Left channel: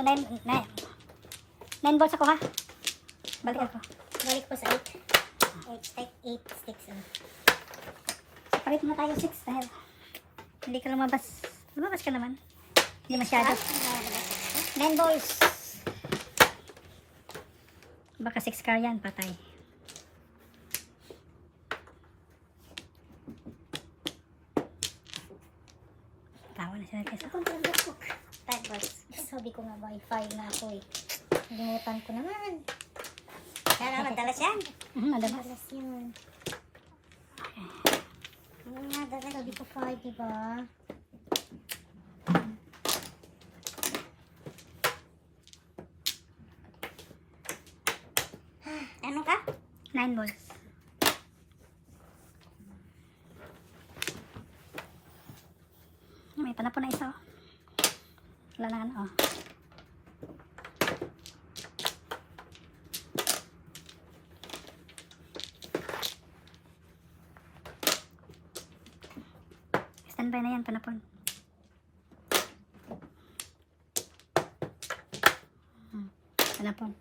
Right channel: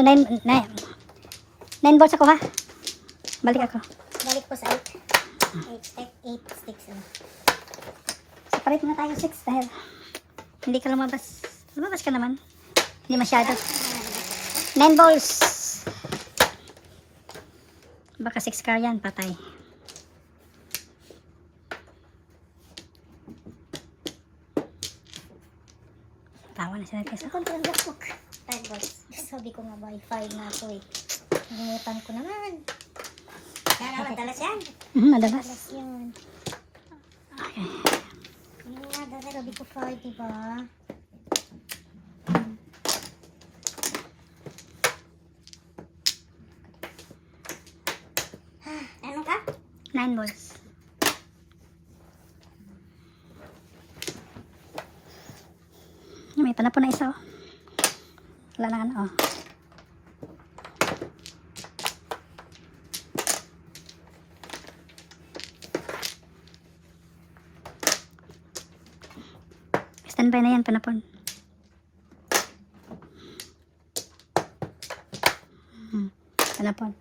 So, 9 balls ako ha. Balik ako. Balik po sa 8. 8 sticks. Separate muna tayo 6 dahil hindi ka lumabas. Lumabas ka naman. Hindi masyado. 9 balls. Baka 6 car yan, patay. Tawa na sila kesa. Ako lang gasok. 5 balls. Sabi ko nga ba, 5 na ako eh. Nalimutan ko naman. Kaya madalas yan. Madalas. Madalas yan. Okay. Yung nga, sabi ko 5, diba? Ano ka? 9 balls. May tala po na isa. Wala na ano. Oh. Standby na yan, panapon. Panapon.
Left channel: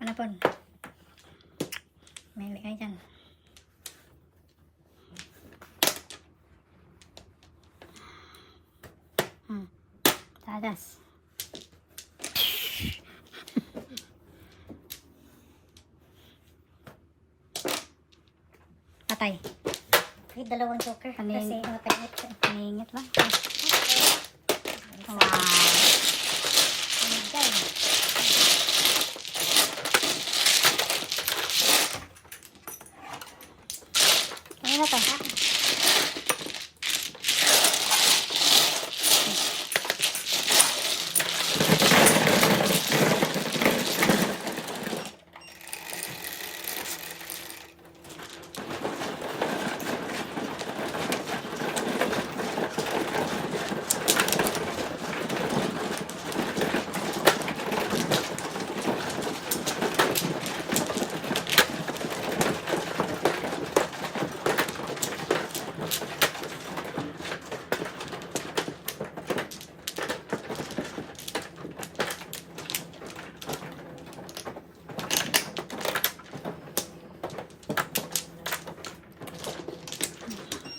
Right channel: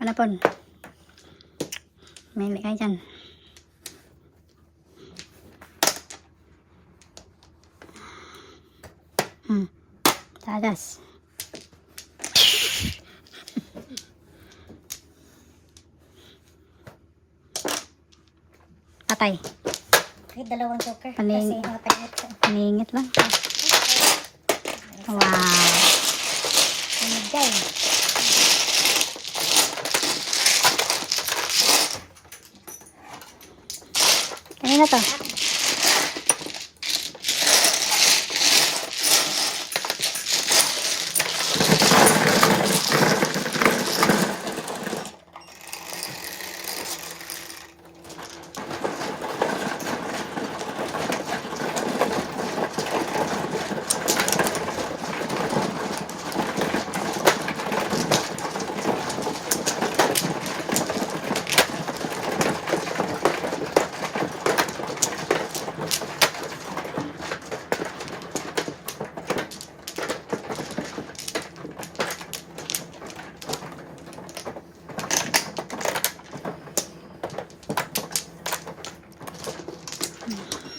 Panapon. May hindi kayo dyan. Tadas. Patay. Kahit dalawang joker. Paning- Kasi mapangit ka. Paningit lang. Wow. Ano dyan? Ano na to?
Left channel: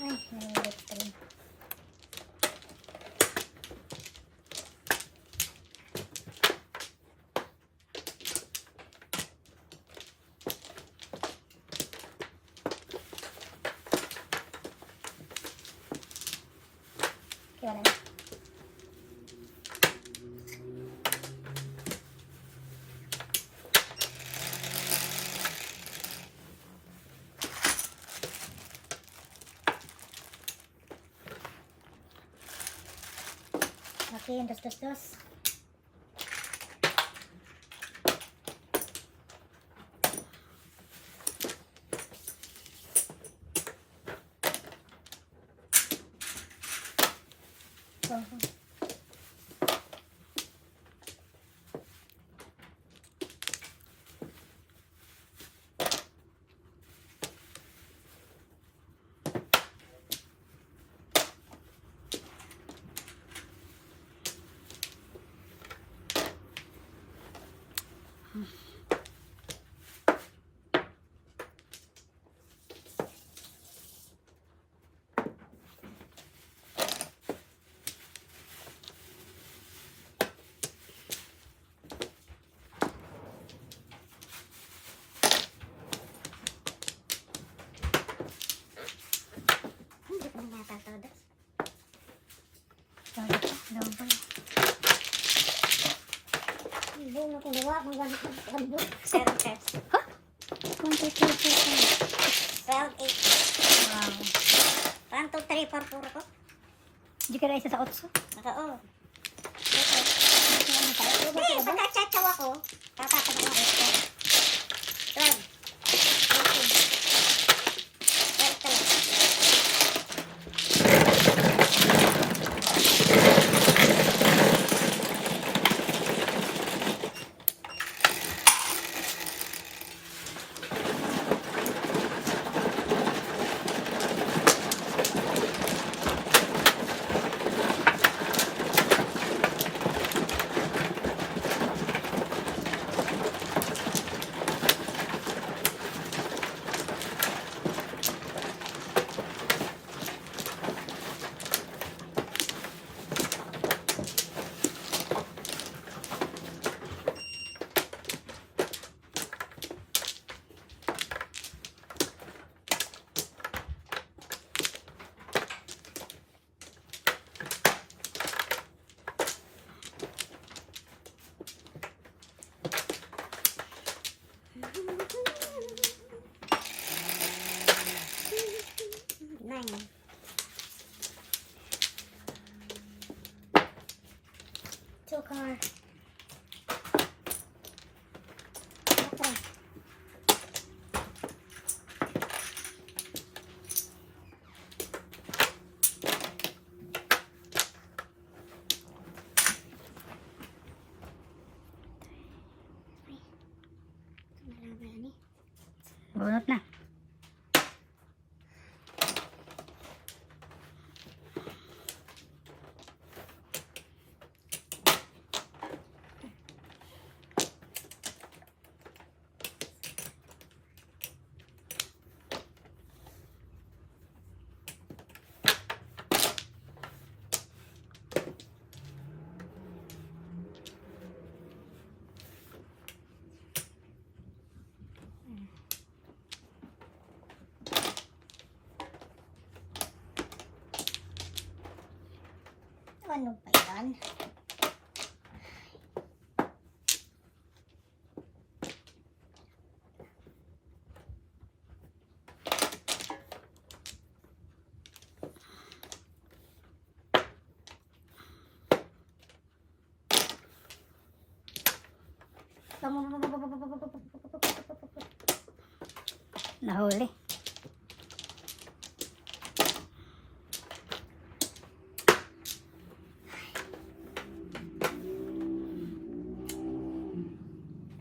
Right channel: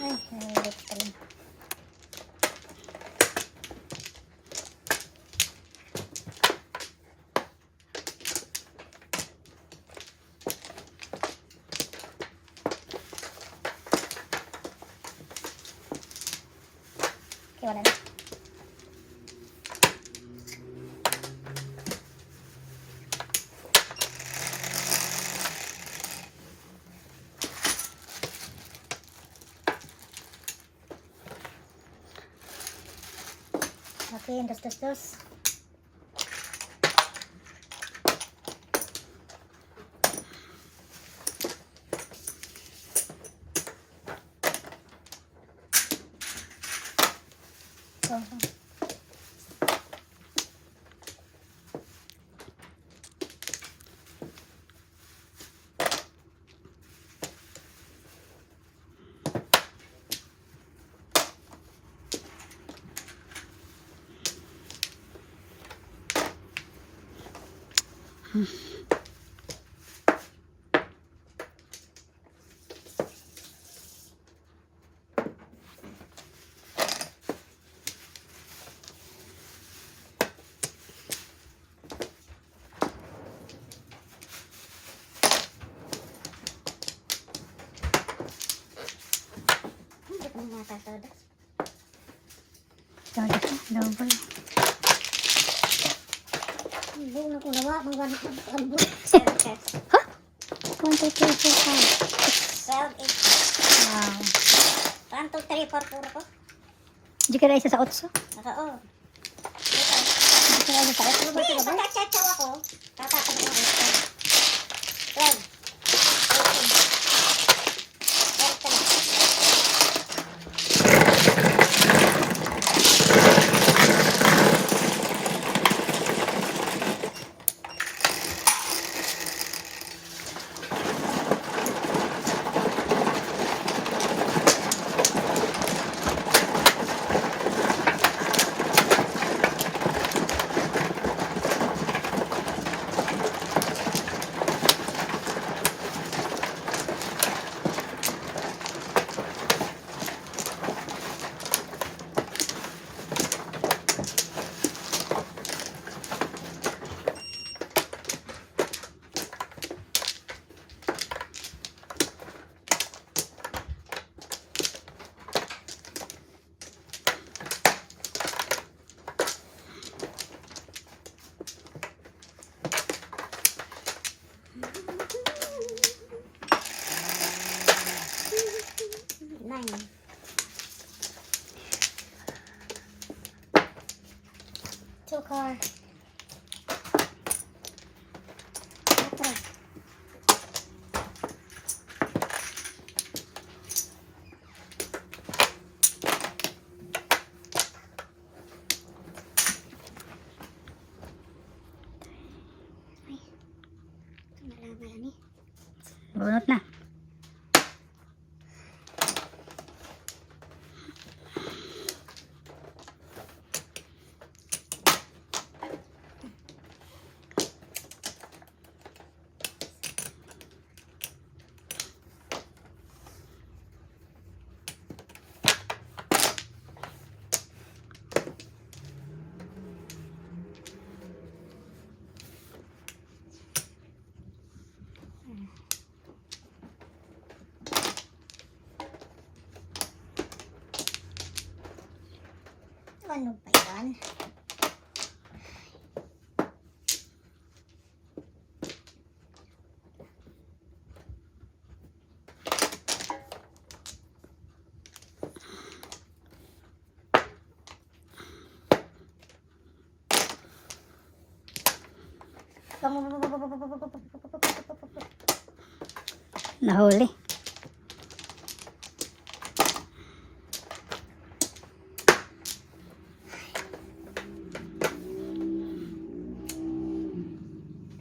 Ay, nangilip ka rin. Okay, wala na. Okay, dos. So, hindi ko na natatawas. Double. Hindi na ko nawa. Magwanap ng kalbul. 7 sets. 1, 2, 3, 4, 5. 12, 8. 1, 2, 3, 4, 4 ko. Di ka na isa sa 8. Oo. Di ka na isa sa 8. Hindi, pagka-chachaw ako, tatapag ng 12. 13. 14. 4. Okay. Bunot na. Ano ba yan? Nahuli.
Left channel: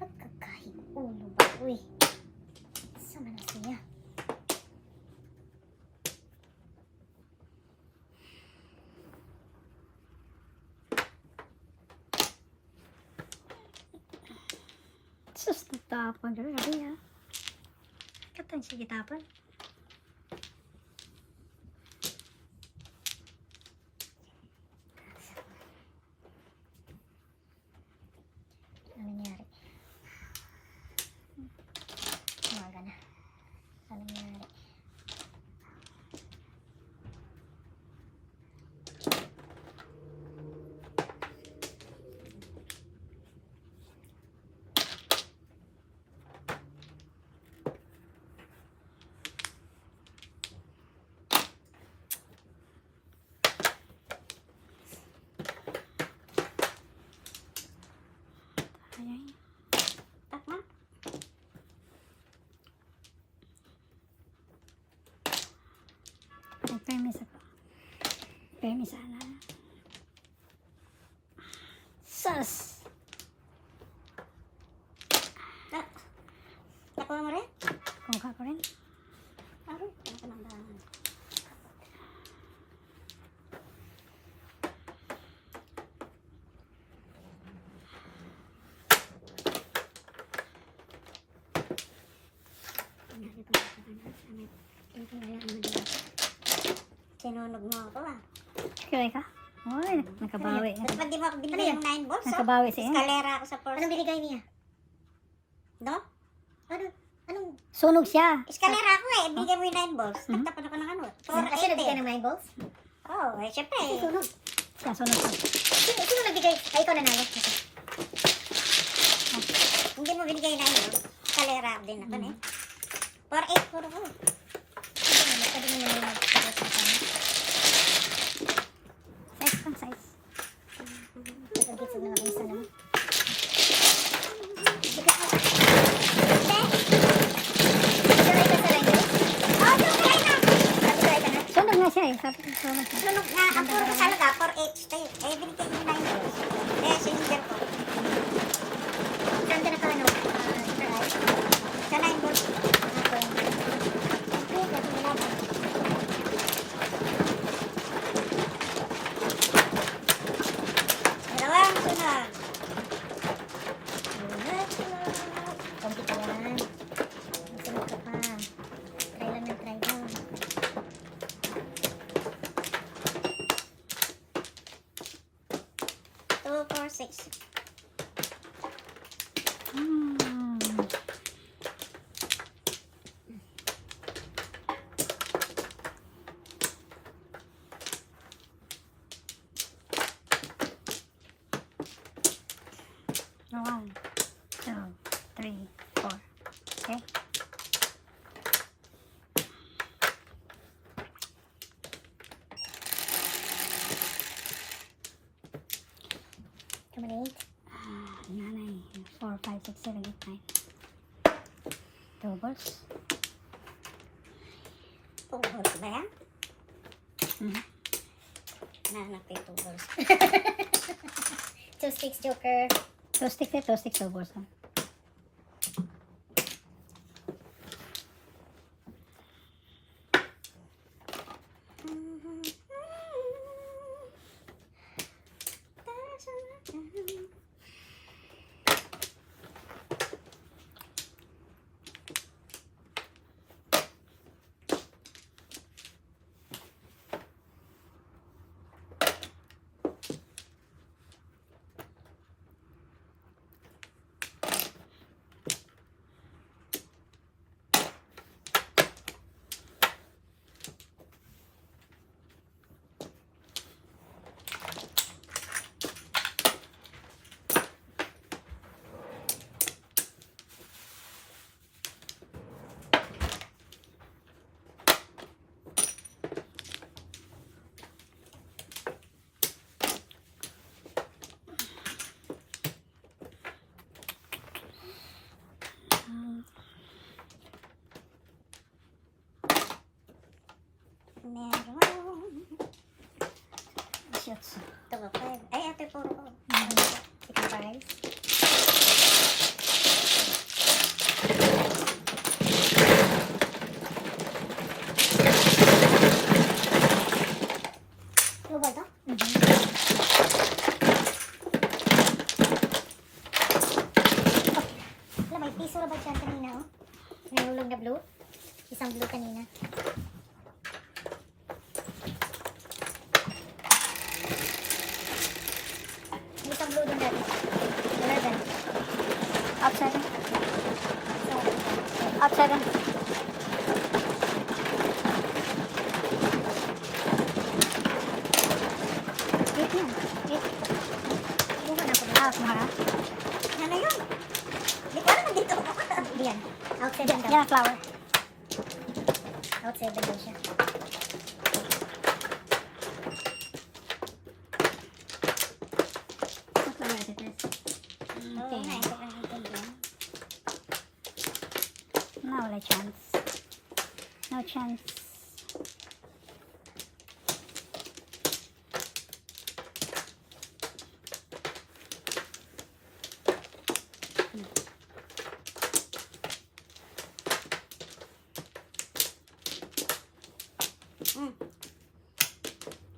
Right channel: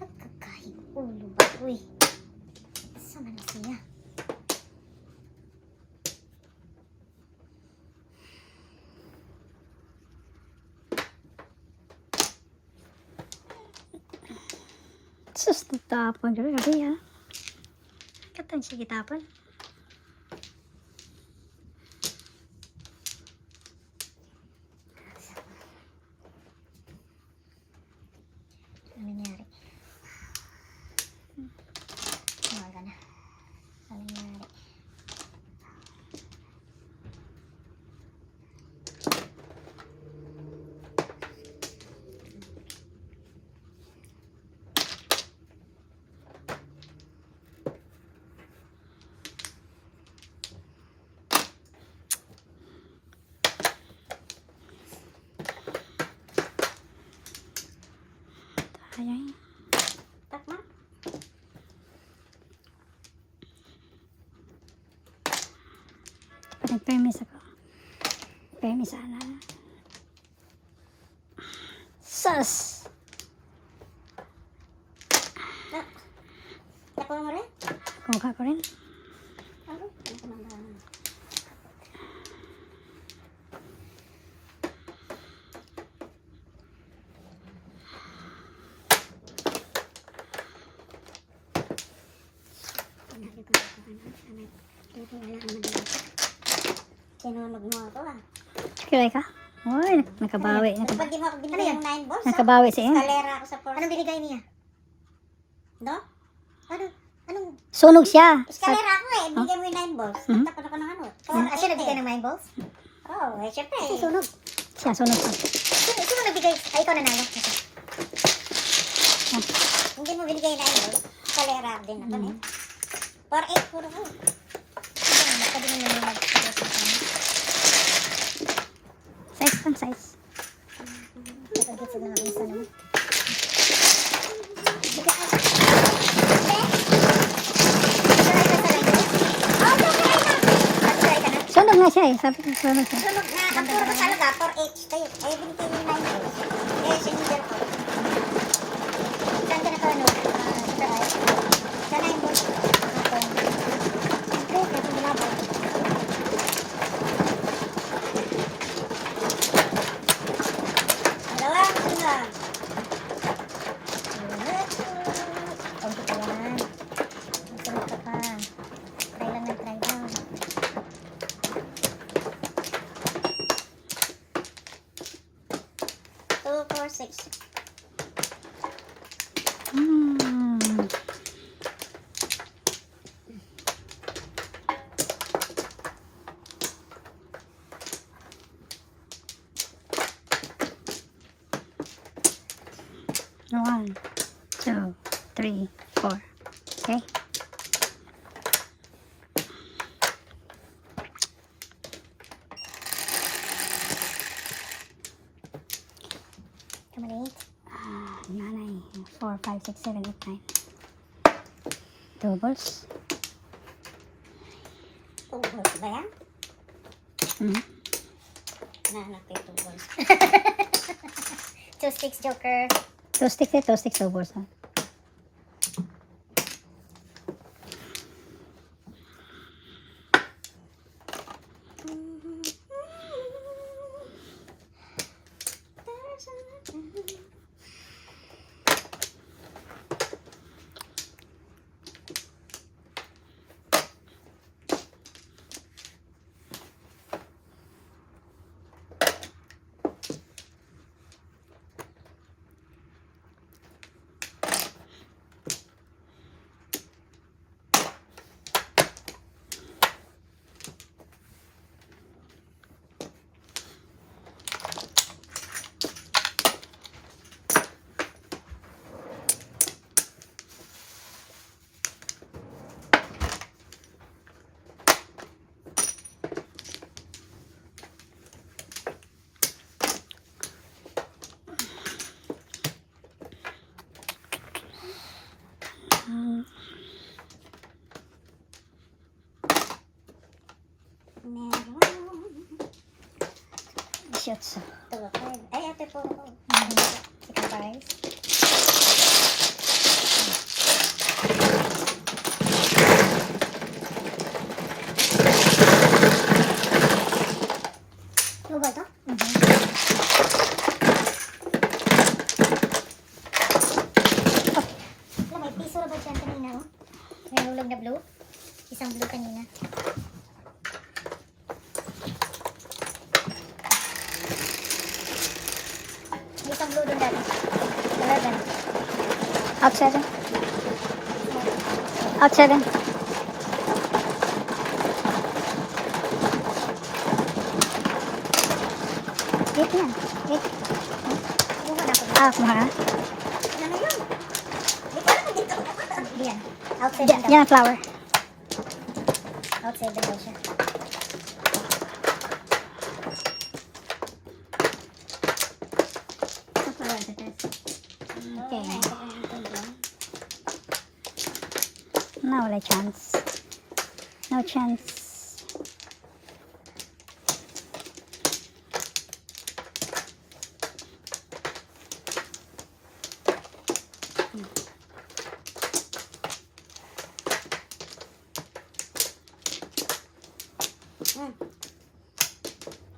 Nagkakahig ulo ba? Uy. Sama na siya. Sus, natapon. Grabe ha. Katan siya kitapon. Ano nangyari? Umaga na. Ano nangyari? Ayan. Takma? Nag-permis ako. Permis sana. Sus! Takma mo rin? Kumukha ko rin. Ano? Ano ko nang bahan? Sinunog mo ako ah. Kiray ka? Uy, nakabawi. Dapat di mo ako binigay ng 9 balls ah. Nakabawi siya. Eskalera ako sa first. Anong binigay niya? Do? Ano? Anong? Sunog siya. Eskalera ako eh. Binigay mo yung 9 balls. Mhm. Nagtapan ako ng ano. Siya nagbigay ng 9 balls? Oo, eh syempre. Sunog. Siya, sunog siya. Sino nagbigay? Ay, ikaw nanalo. Hindi mo binigay ng 9 balls. Eskalera din ako eh. 4-8 puro ko. Pwede mo naman mag-pagod sa kanya. Size pang size. Nakagitsog na ako isa naman. Sunog nga siya eh. Sabi ko, sunog siya. Sunog na ang puro ko talaga, 4H tayo. Eh, binigay mo yung 9 balls. Eh, sinigil ko. Saan ka na to, ano? Super Eye? Sa 9 balls. Dalawang sunod. Kunti pa yan. Sunod ka pa. Try lang ng try down. Two, four, six. Hmm. One, two, three, four. Okay. 8. Yan ay 4, 5, 6, 7, 8, 9. Two balls. Balls ba yan? Mhm. Nahanap ko yung 2 balls. 2 sticks, Joker. Two sticks, two balls. Ha? Meron. Shots. 2 ako. Ay, ito po ako. Second prize. Two ba ito? Wala, may piso na ba dyan kanina, oh? May hulog na blue. Isang blue kanina. May isang blue doon dati. 11. Out 7. Out 7. Eight yan. 8. Buka na ako dito. Ah, kumara. Ano na yun? Di ka naman dito. Di yan. Out 7 daw. Yan ang flower. Out 7 daw siya. Ang flower sa test. Okay. Now wala chance. No chance.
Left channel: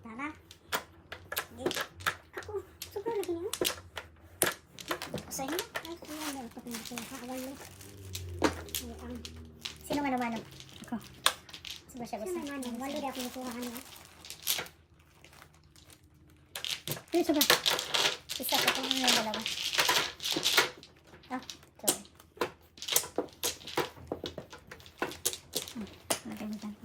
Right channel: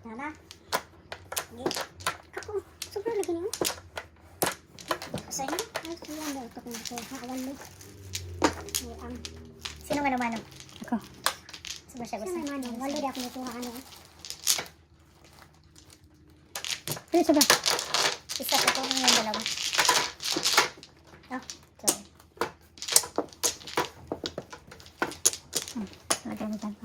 Wala. Hindi. Ako, sobrang lagi niyo. Sa'yo? Ay, siya yan. Ito kung gusto. Haawan mo. Ay, sino nga naman? Ako. Sobrang siya gusto. Sino naman? Wala di ako naturahan niya. Ano sa ba? Isa ko kung yung dalawa. Oh, sorry. Lagyan mo dyan.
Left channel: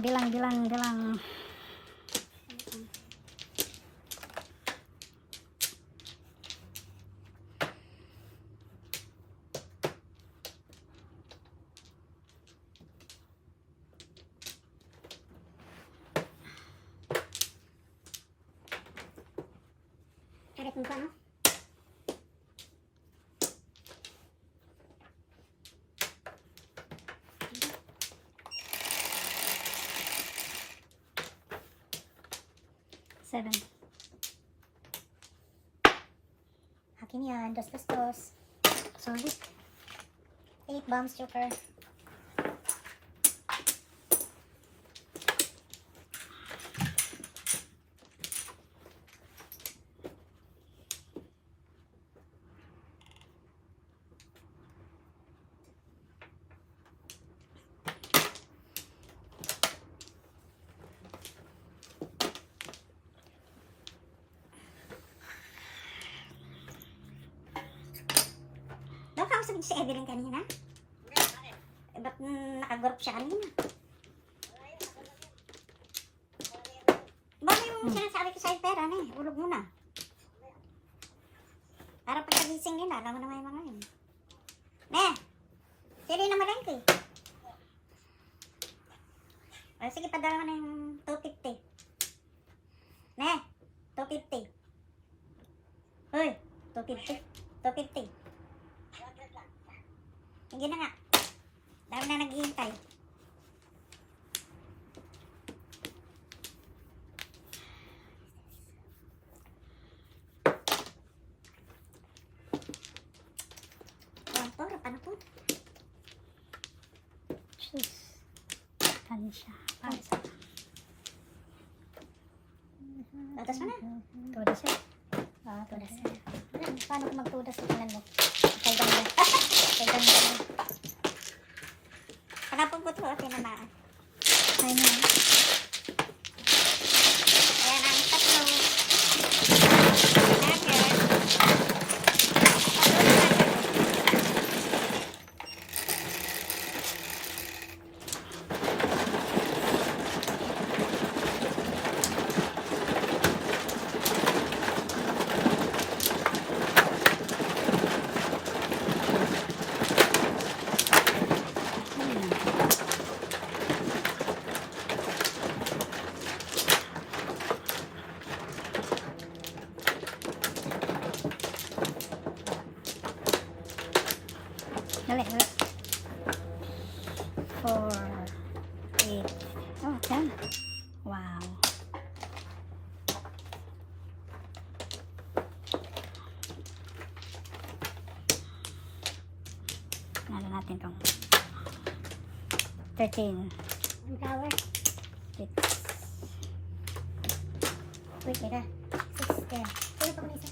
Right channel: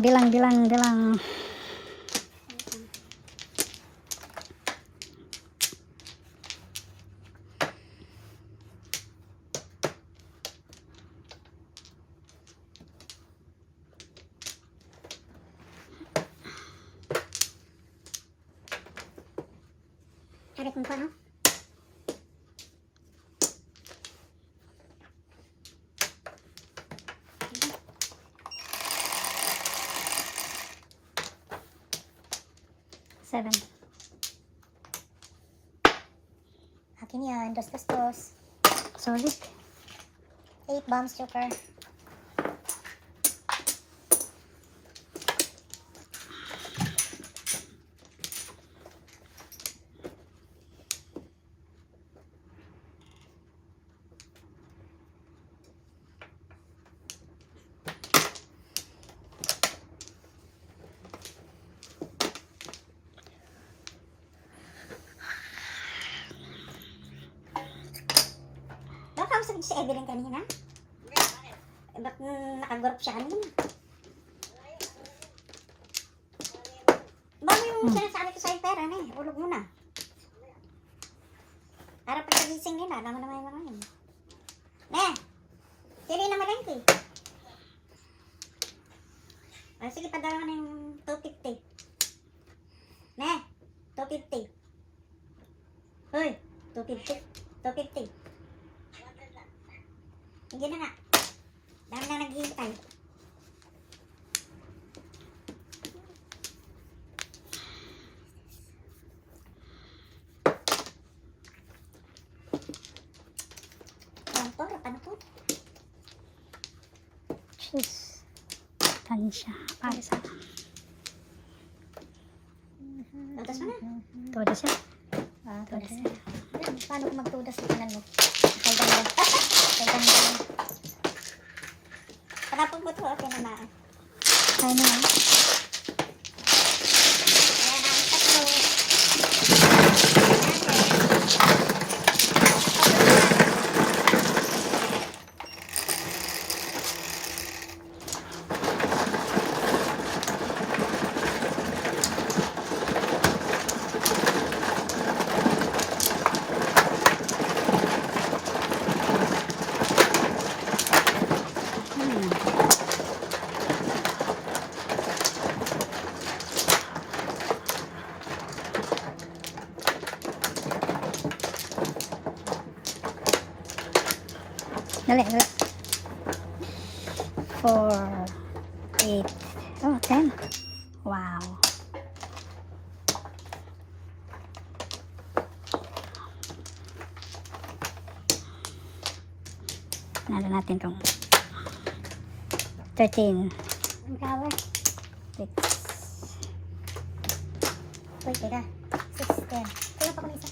Dilang. Tarik mo pa, no? Seven. Akin yan. Dos. Sorry. 8 bombs, Joker. Nakausap si Evelyn kanina? Ba't nakagurap siya kanina? Bang yung sinasabi ko sa'yo pera na eh. Ulog muna. Para pagkagising nila, alam mo naman yung mga yun. Ne! Sili na marin ko eh. O, sige, padala ko na yung 250. Ne, 250. Uy, 250. 250. Sige na nga. Dahil na naghihintay. Ayan po, ano po? Cheese. Tansya. Para sa... Tutas mo na. Tudas siya. Tudas Tudas. Paano kung magtudas sa kanan mo? Kay ganda. Kay ganda. Panapag ko ito, tinamaan. Kaya na. Dali, dali. 4, 8, oh, 10. Wow. Nalo natin itong 13. Ang flower. 8. Uy, teka. 6, 10. Kulang pa ko na isa.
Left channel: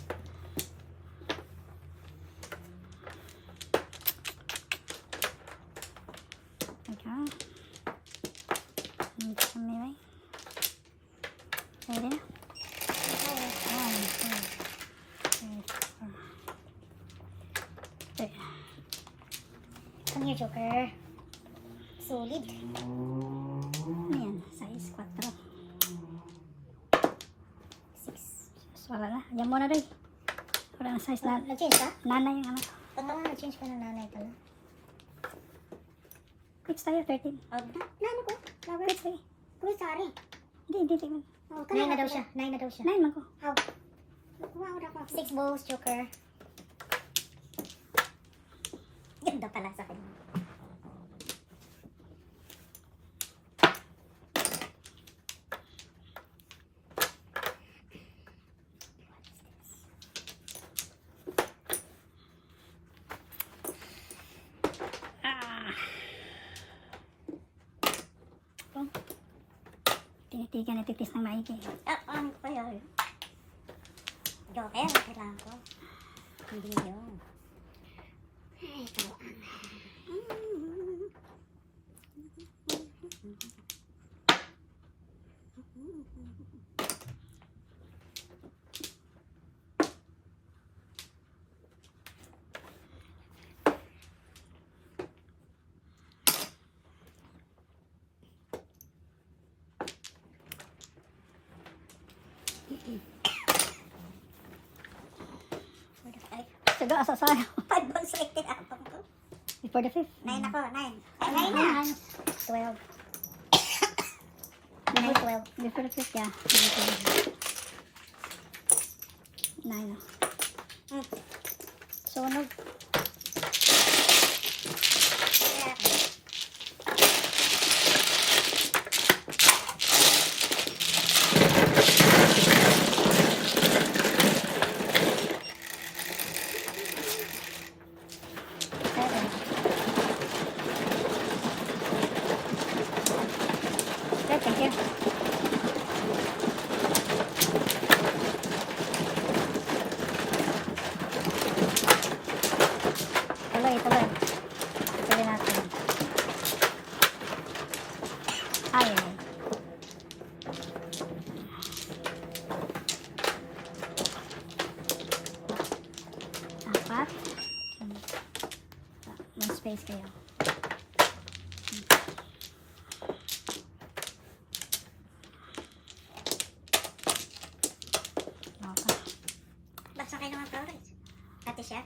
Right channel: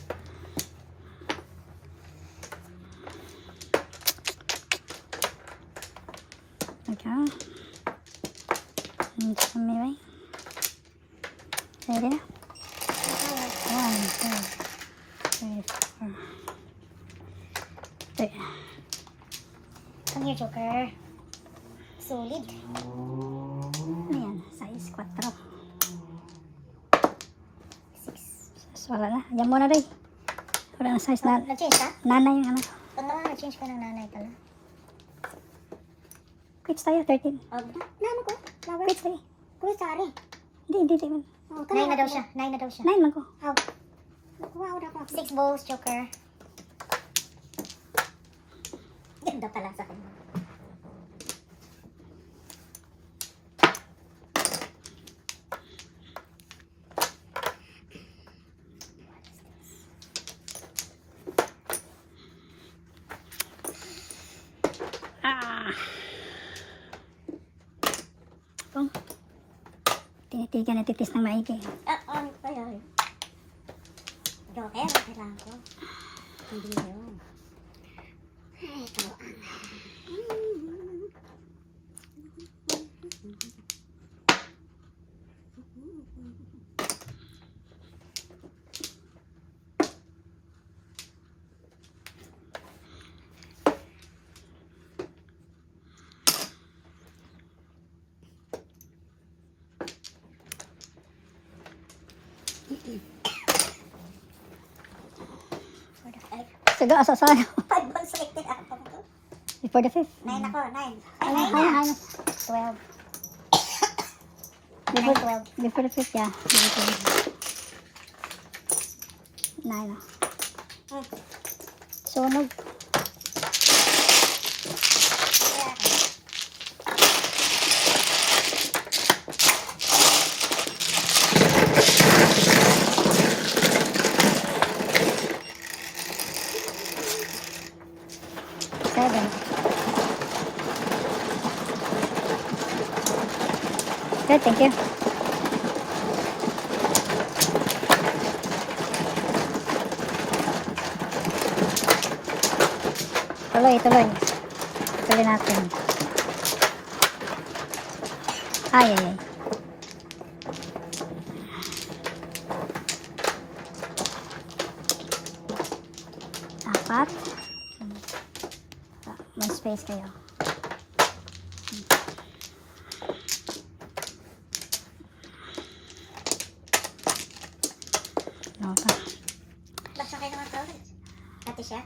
Okay. Dito sa may way. Pwede na. Ayan. 2, 3, 4. Come here, Joker. Solid. Ayan, size 4. 6. So, wala na. Diyan muna rin. Wala na size na. Nag-change ka? Nanay yung ano. Nag-change ka ng nanay pala. Quits tayo, 13. Oh, nano ko? Flower? Quits tayo. Kuya, sorry. Hindi man. Oh, 9 na daw siya. 9 na daw siya. 9 man ko. Oh. Wow, dapat. 6 bowls, Joker. Ganda pala sa kanya. Ah. Ito. Tinitigan na titis ng maigi. Ano pa yun? Joker, kailangan ko. Hindi yun. Ay, kaluan. For the 5. Saga, asasayo. 5 balls selected ako ko. Before the 5th. 9 ako, 9. Ay, Ay, 9 na. minus 12. Ay, 12. Before the 5th, yeah. 9. Sunog. Good, thank you. Tuloy. Tuloy natin. Ay. 4. May space kayo. Okay. Ba't sa kayo naman to? Ate siya?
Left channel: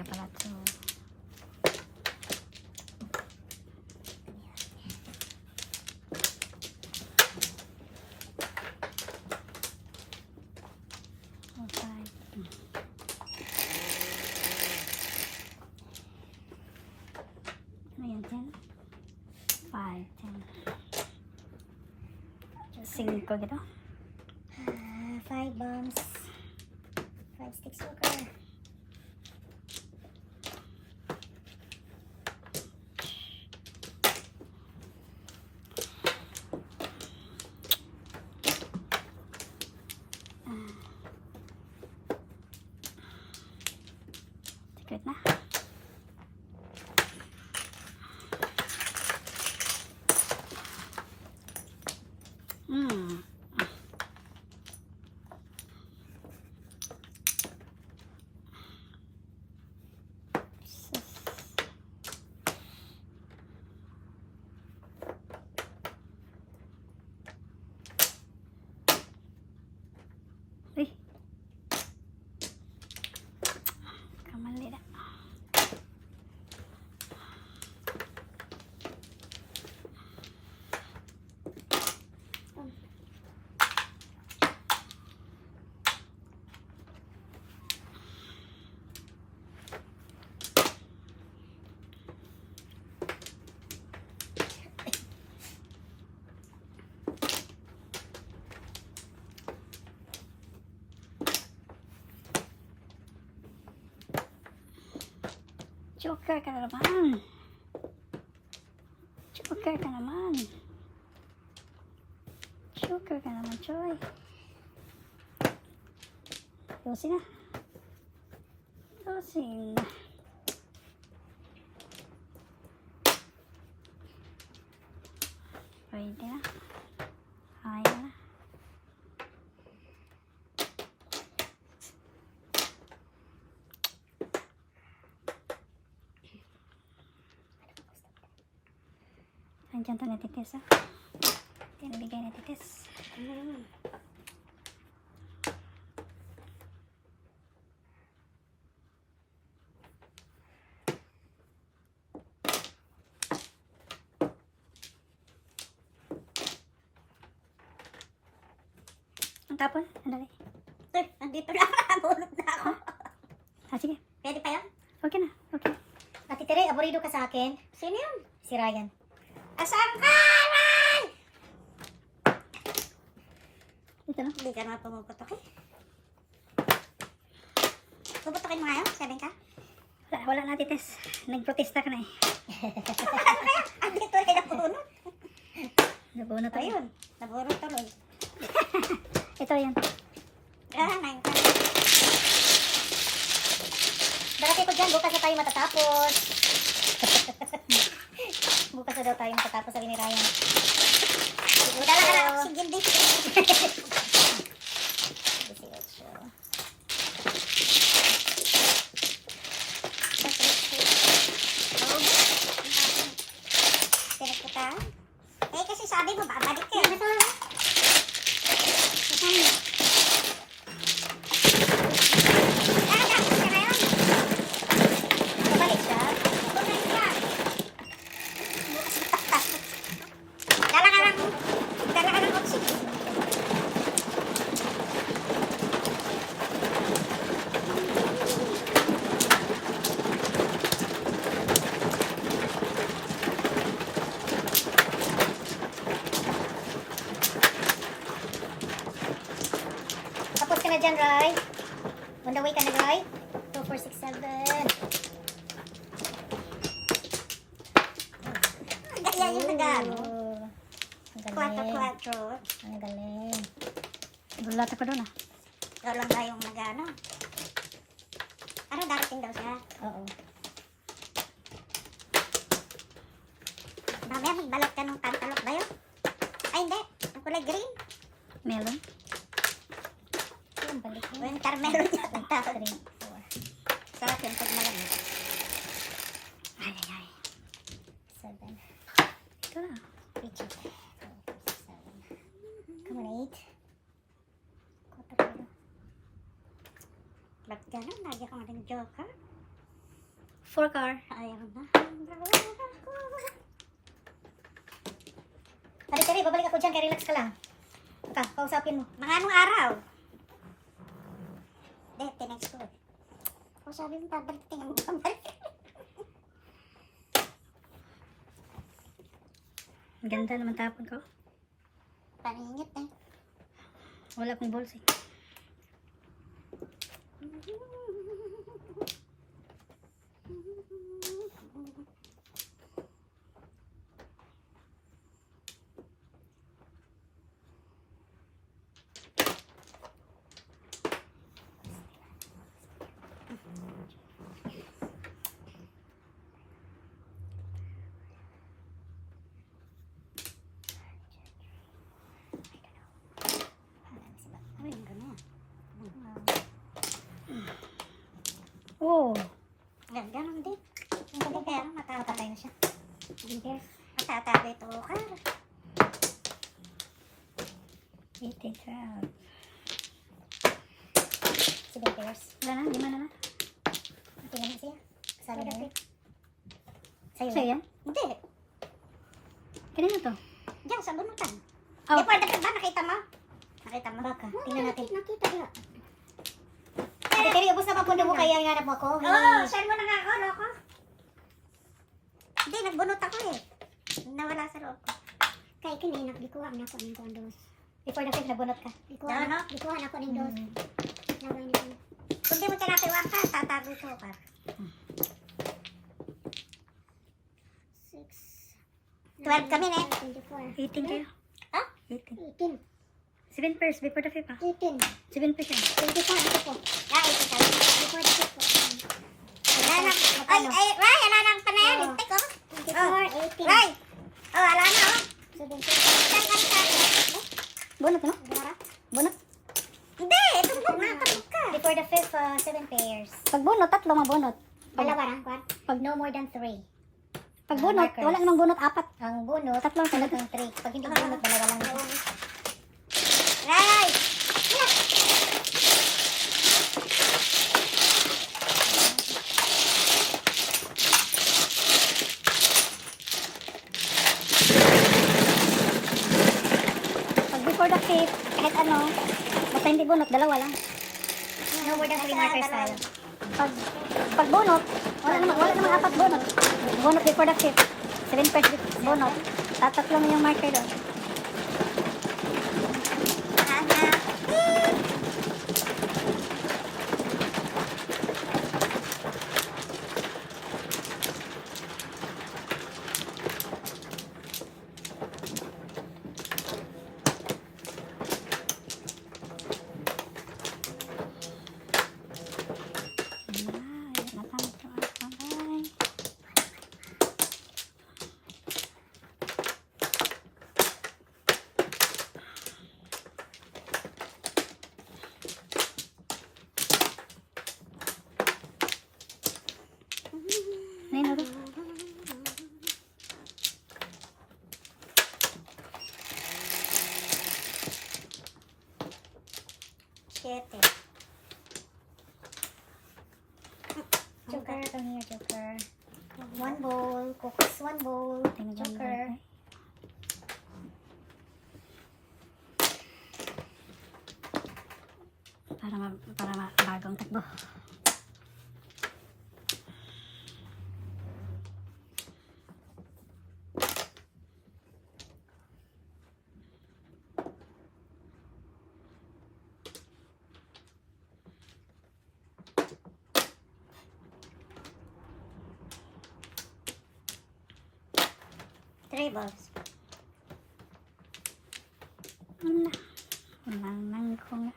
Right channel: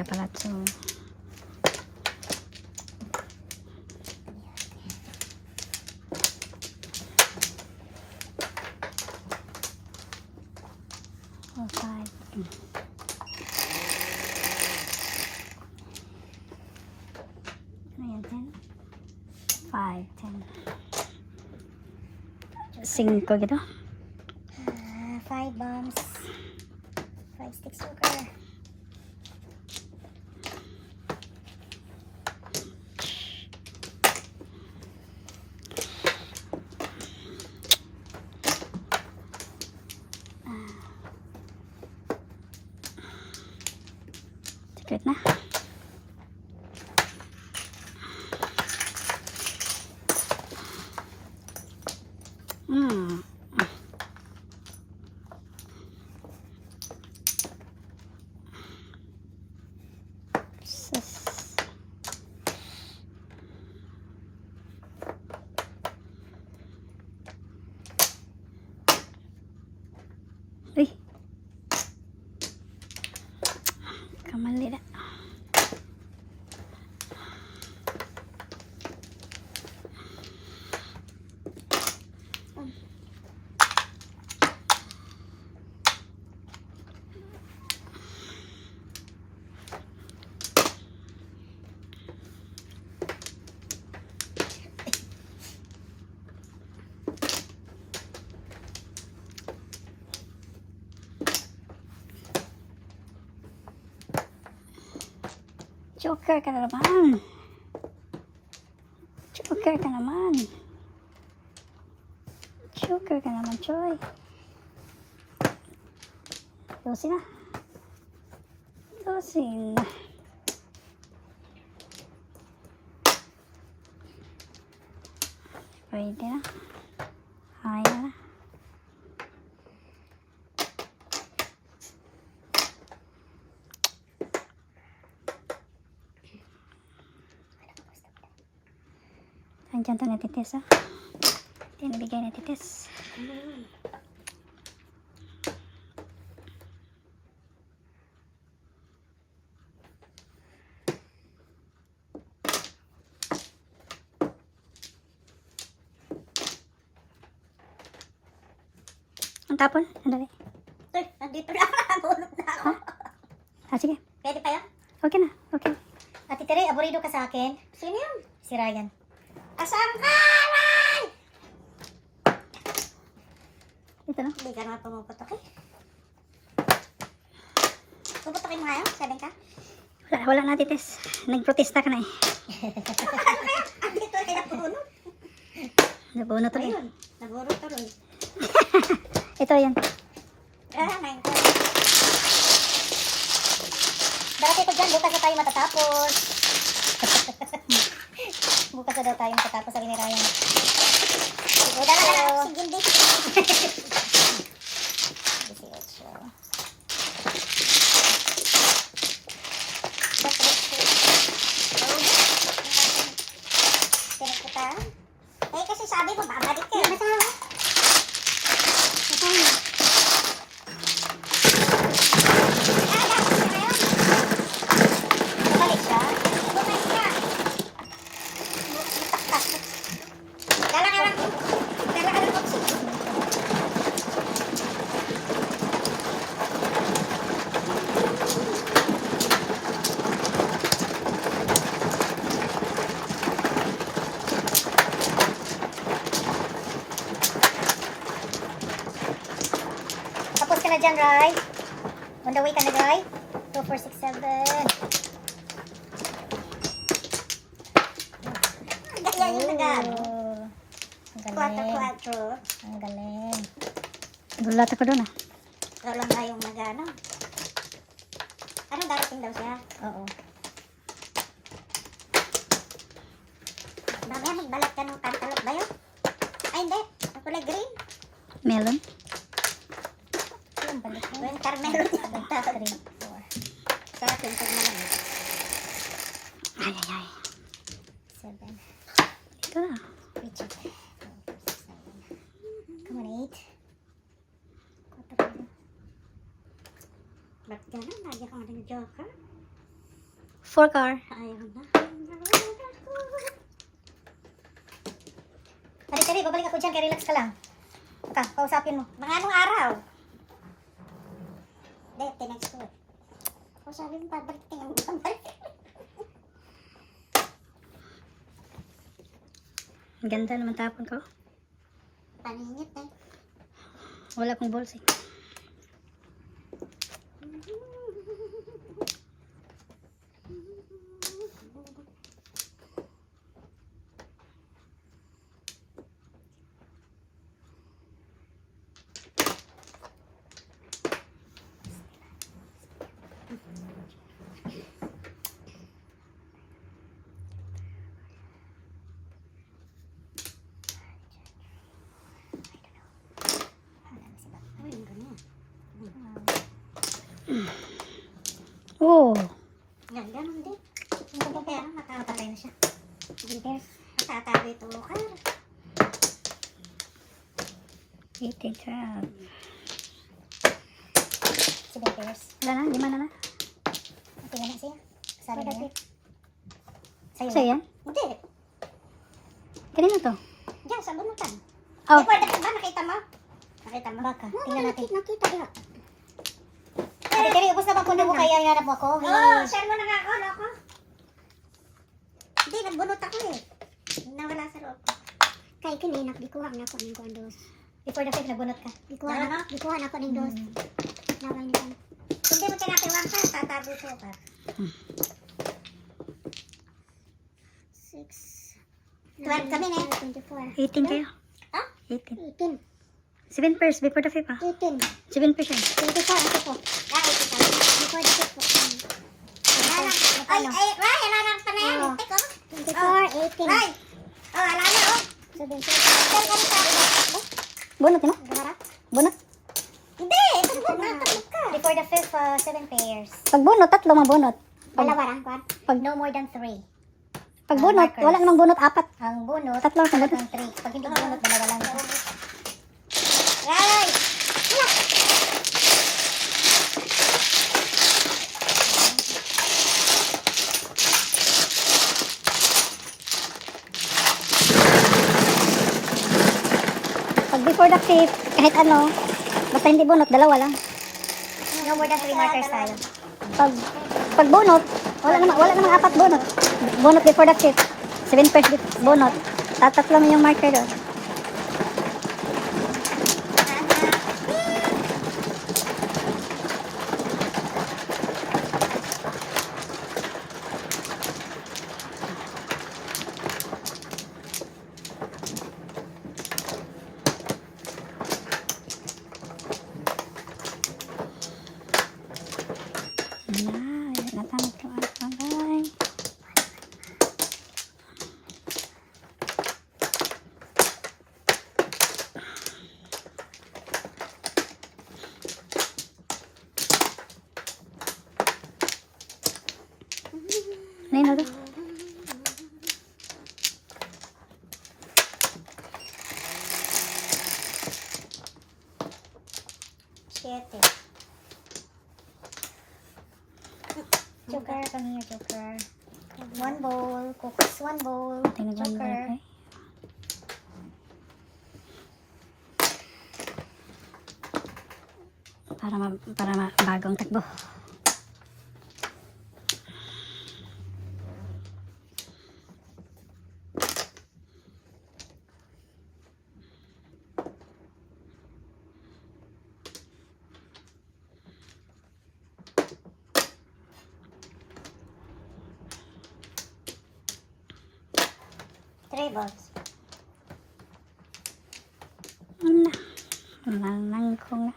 kaya pala ito. Oh, 5. Ayan, 10. 5, 10. 5 gitu. 5 bombs. 5 sticks joker. Secret na. Sus. Uy. Kamali na. Joker ka na naman. Joker ka naman. Joker ka naman, Choy. Dosin na. Dosin. Pwede na. Kaya na. Andiyan to natitis, ha? Ito yung nabigay natitis. Ang tapon? Andali. Uy, nandito na. Nagulot na ako. Sige. Pwede pa yan? Okay na. Okay. Ate Tere, aburido ka sa akin. Sino yan? Si Ryan. Kasangkaran! Ito na. Hindi ka naman pumuputok eh. Puputokin mo ngayon? 7 ka? Wala natitis. Nagprotesta ka na eh. Andito rin napunod. Nabuno to eh. Ayun, naburo ka ron. Ito yun. Ah, 9 ka. Dati ko dyan, bukas na tayo matatapos. Bukas na daw tayo matatapos, sabi ni Ryan. Siguro. Sige, hindi. 18. Eh, kasi sabi mo, babalik ka. Babalik siya? Dala ka lang. Dala ka lang. Tapos ka na dyan, Rai. On the way ka na, Rai. 2, 4, 6, 7. Ganyan yung nagano. Ang galing. 4. Ang galing. Gulat ako doon ah. Ikaw lang ba yung nagano? Ano, darating daw siya? Oo. Mamaya magbalat ka ng kantalok ba yun? Ay, hindi. Ang kulay green. Melon. Yung balik na. Winter melon. 3, 4. Sa akin, pag na lang. Ay, ay, ay. 7. Ito na. Richard. 2, 4, 6, 7. Come on, 8. Ba't gano'n? Lagi ko nga ng joker. 4 car. Ayaw na. Tari, babalik ako dyan, kaya relax ka lang. Kausapin mo. Mga anong araw? Dete, next week. O sabi mo, babalik tayo. Ang ganda naman tapon ko. Paningit eh. Wala akong balls eh. Ano yung ganyan? Oh. Ganda nung din. Ang kapapaya, nakakapatay na siya. Hindi. Matatabi ito. Eating crab. 7 pairs. Wala na, 5 na na. Tingnan na siya. Kasali na yan. Sa'yo Sa'yo yan? Hindi. Kanina to? Diyan, sa bunutan. Oh. Di pwede ba? Nakita mo? Nakita mo? Baka, tingnan natin. Nakita niyo. Ate Terry, ubos na bang pundo mo kaya hinanap mo ako? Oo, saan mo nakakolo ko? Hindi, nagbunot ako eh. Nawala sa loob ko. Kaya kininak, di kuha na ako ng kondos. Before the fake, nagbunot ka. Di kuha na ako ng dos. Nawala niya. Hindi mo tinatiwang ka, tatago ko ka. 6. 12 kami na. 24. 18 kayo. Ha? 18. 18. 7 pairs before the fake ah. 18. 7 pairs yun. 24 ako po. Before the fifth po. Ay, Ray, wala nang panayan. Oo. Ito ko. 24, 18. Ray! Oh, wala na oh. 17. Bunot mo? Bunot? Hindi, itong book na. Itong ka. Before the fifth, 7 pairs. Pag bunot, 3 mabunot. Dalawa lang, kwan. Pag no more than 3. Pag bunot, markers. wala namang bunot, 4. Ang bunot, 3 talaga. 3. Pag hindi bunot, dalawa lang. Ray! Pag before the fifth, kahit ano, basta hindi bunot, 2 lang. No more than 3 markers tayo. Pag bunot, wala namang 4 bunot. Bunot before the fifth. 7 pairs bunot. Tatatlo mo yung marker doon. Natamit ko ang bagay. Nay, nalo. Siete. Joker, come here, Joker. 1 bowl, cookies 1 bowl. Tingnan dyan, Joker. bagay. Para bagong takbo. Three balls. Wala ko nga.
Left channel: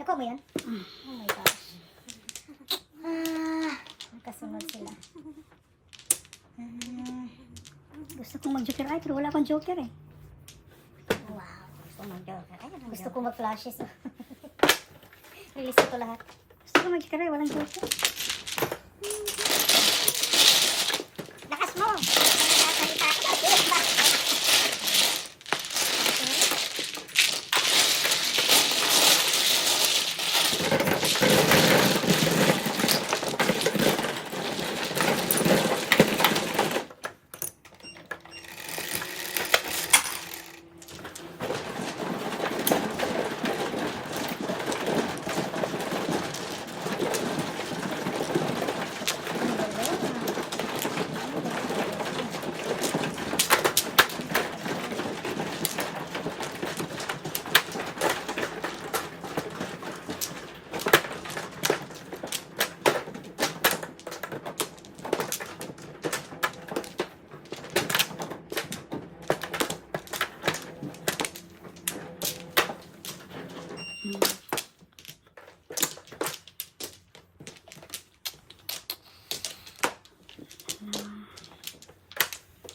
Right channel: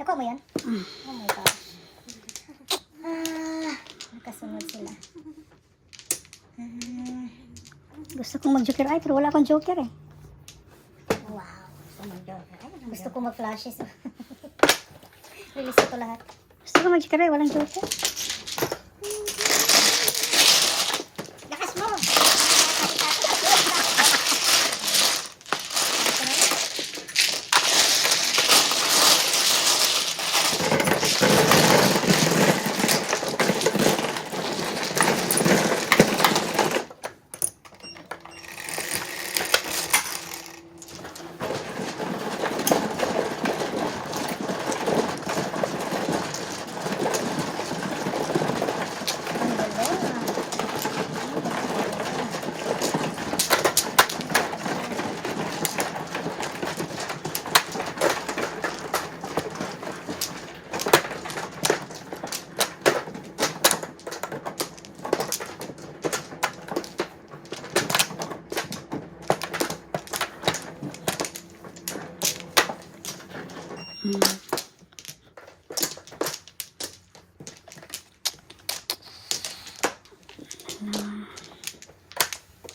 Nakuha mo yan? Oh my gosh. Nakasunod sila. Gusto kong mag-joker ay, pero wala akong joker eh. Wow. Gusto ko mag-flashes. Release ko lahat. Gusto ko mag-joker, walang joker. Lakas mo!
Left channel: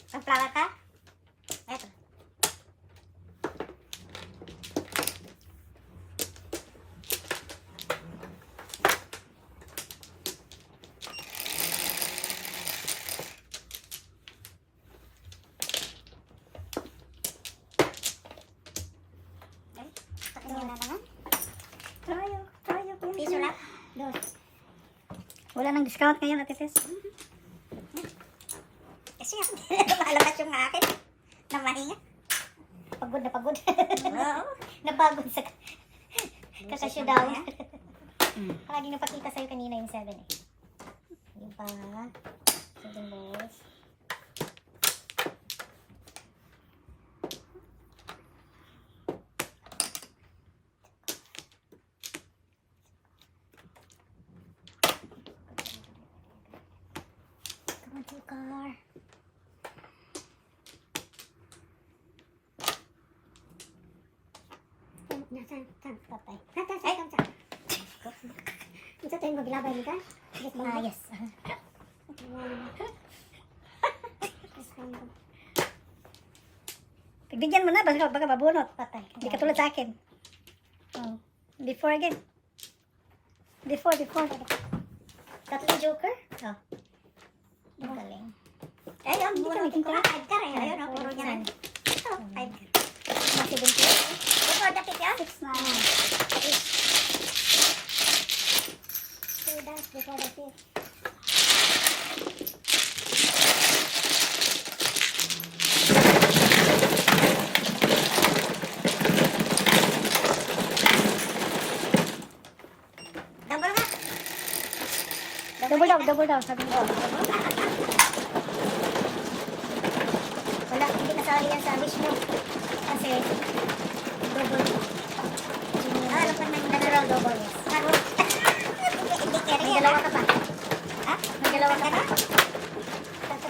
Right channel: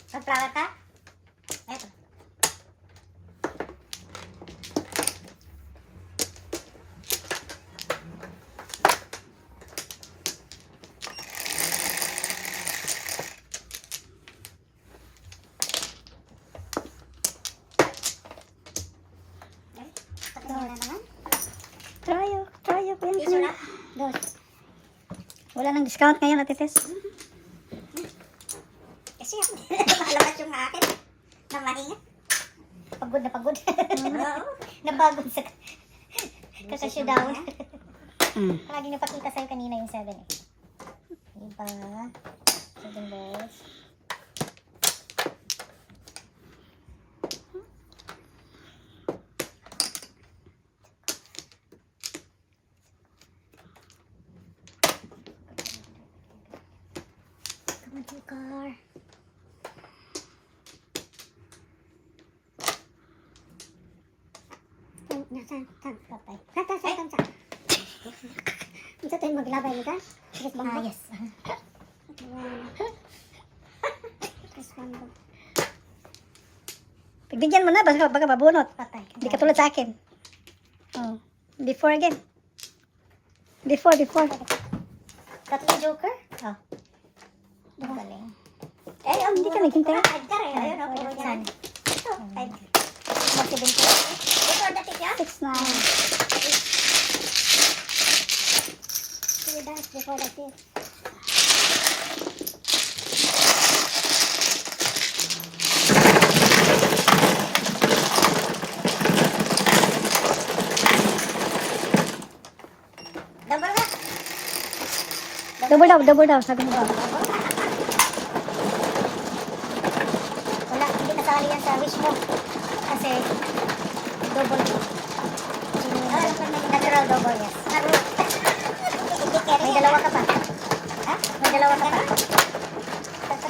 Sunflower ka? Eto. Try ko yan. Piso lang. Dos. Wala nang discount ngayon, Ate Tess. Kasi malabas yung akin. Na mahinga. Pagod na pagod. Oo. Napagod sa kakasyo down. Lagi napakita sa'yo kanina yung 7 eh. Yung pa. 7 balls. Come on, Joker. Nasaan? Saan? Patay. Saan? Ito tayo maglabay mo ka? Yes. Pagbigyan mo na, baka mabunot. Patay. Hindi ka tulad sa akin. Oh. Before again. Before. Tatlo joker? Oh. Galing. Hindi ka naghintay. Edgar eh. Ayun ako. Puro niya. Saan? Ito. Edgar. Mag-70. Ito, dati ka? 6 na. Before the kill. Double daw, sabi mo. Wala, hindi kasali yan sa wish mo. Kasi, double. Natural double, yes. May dalawa ka pa. Ha? May dalawa ka pa.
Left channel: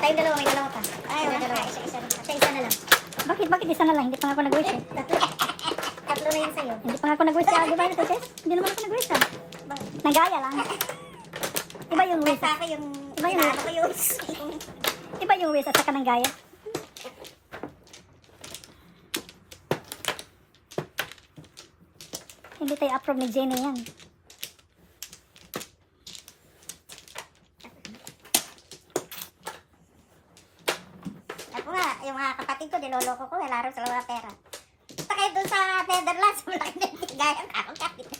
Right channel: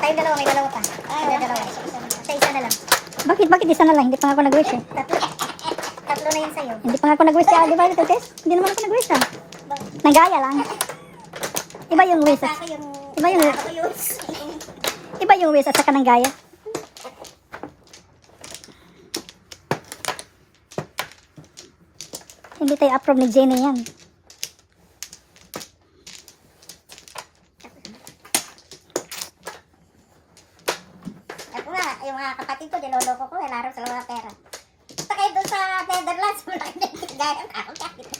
Tayong dalawa, may dalawa pa. May dalawa. Sa isa na lang. Bakit isa na lang? Hindi pa nga ako nag-wish eh. Tatlo. Tatlo na yun sa'yo. Hindi pa nga ako nag-wish sa di ba, Ate Tess? Hindi naman ako nag-wish ah. Nagaya lang. Iba yung wish. Iba yung wish. Iba yung wish at saka ng gaya. Hindi tayo approve ni Jenny yan. Ako nga, yung mga kapatid ko, niloloko ko, laro sa mga pera. Basta kayo doon sa Netherlands, malaking nagtigayan ako kapit.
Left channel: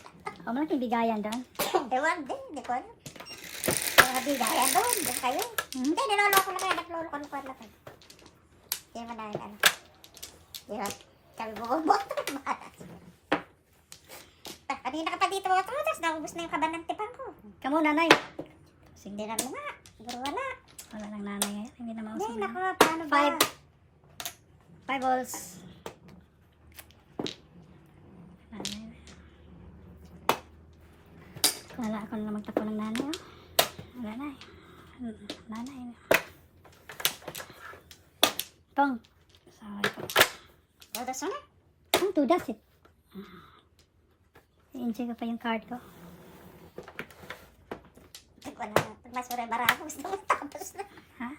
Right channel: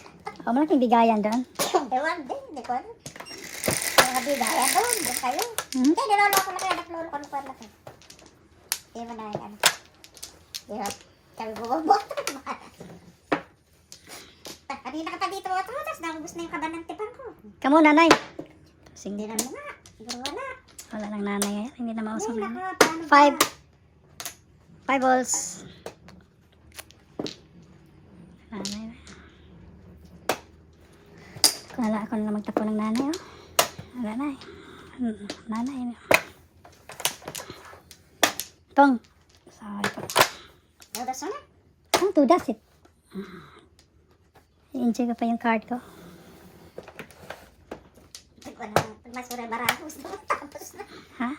O, malaking bigayan doon. Ewan din, hindi ko alam. Mga bigayan doon kayo. Hmm? Hindi, niloloko na kayo, nagloloko na kayo. Hindi mo na, di ba? Sabi ko, bubok. Kanina ka pa dito mga trotas, naubos na yung kabanantipan ko. Kamu, nanay. Hindi Sige. na nga, pero wala. Wala lang nanay ngayon. Hindi na mausap Hindi, na. paano ba? 5 balls. Nanay. Wala ako na magtapo ng nanay. Oh. Wala na eh. Nanay. Tong. Sorry po. Trotas mo na. Ang tudas it. I-enjoy ko pa yung card ko. Pag mas maray barapos na, tapos na. Ha?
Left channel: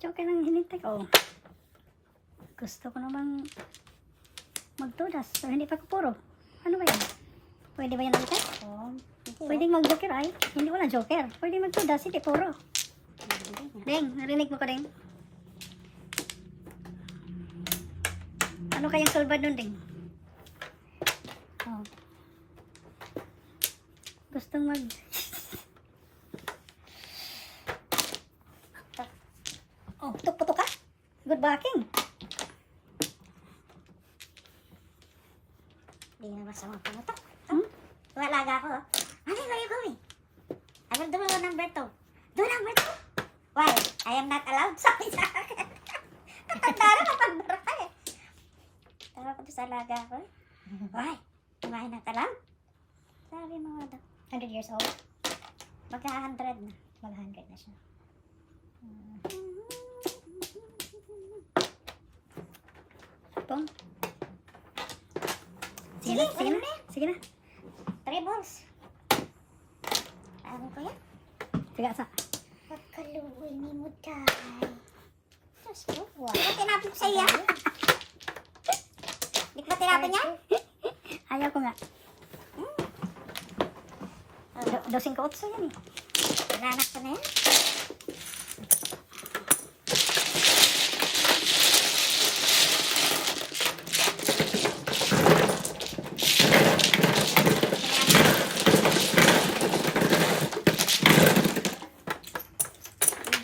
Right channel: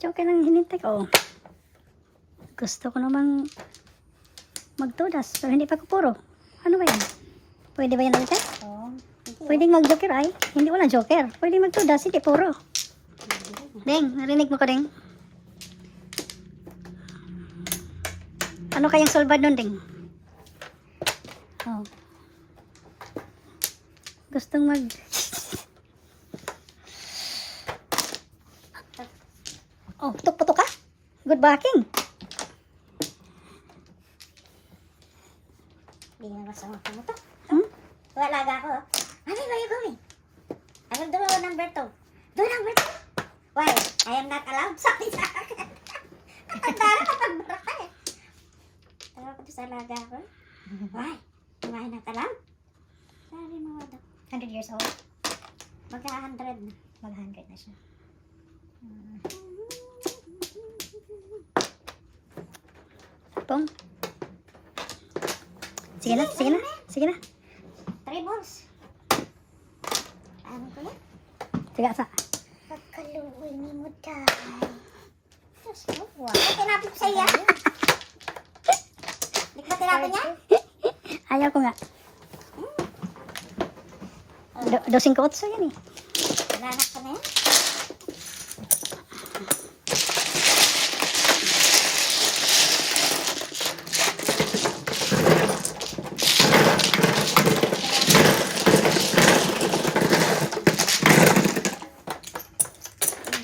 Joker lang hinintay ko. Gusto ko namang magtudas. Pero hindi pa ko puro. Ano ba yan? Pwede ba yan ulit? Oo. Pwedeng mag-joker ay. Hindi wala joker. Pwedeng magtudas. Hindi puro. Deng, narinig mo ko, Deng? Ano kayang solbad nun, Deng? Oh. Gustong mag... Oh, putok-putok ka? Good backing. Hindi na masuha ko ito. Hmm? Walaga ako. Ano are you going? I will do number 2. Do number 2. Why? I am not allowed. Sabi sa akin. Katanda na kapag-barak ka eh. Tawag ko sa alaga ko. Why? Am I not allowed? Sabi mo nga daw. 100 years old. Magka-100 na. Mag-100 na siya. Pong. Sige na, sige na, sige na. 3 balls. Ano ko yan? Sige, sa. Pagkaluoy ni mo tayo. Diyos ko. Wow. Ay, tinapin sa iya. Di ba tinapin niya? Ayaw ko nga. Dosing ko otso yan eh. Nanak ka na yan?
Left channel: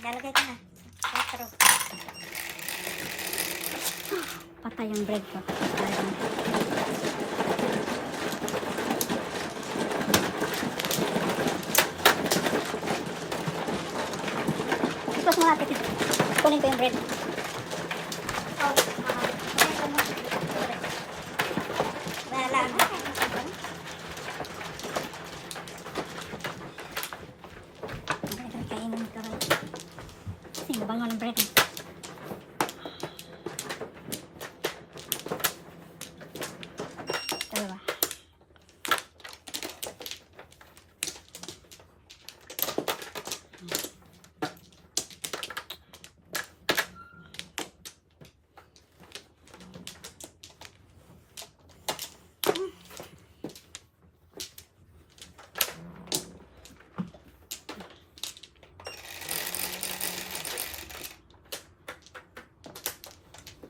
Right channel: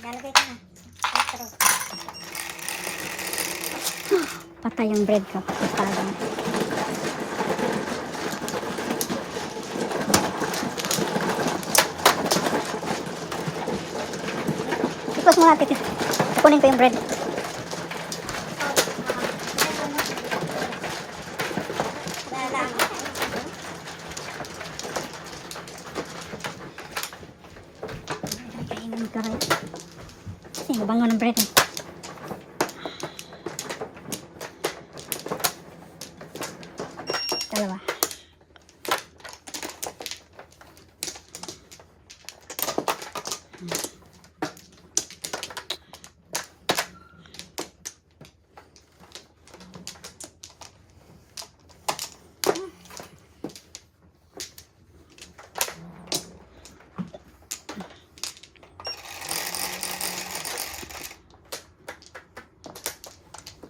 Lalagay ko na. Patro. Patay yung bread ko. Patay. Tapos mga titit. Kunin ko yung bread. Kainan ka rin. Ay, mabango ng bread eh. Dalawa.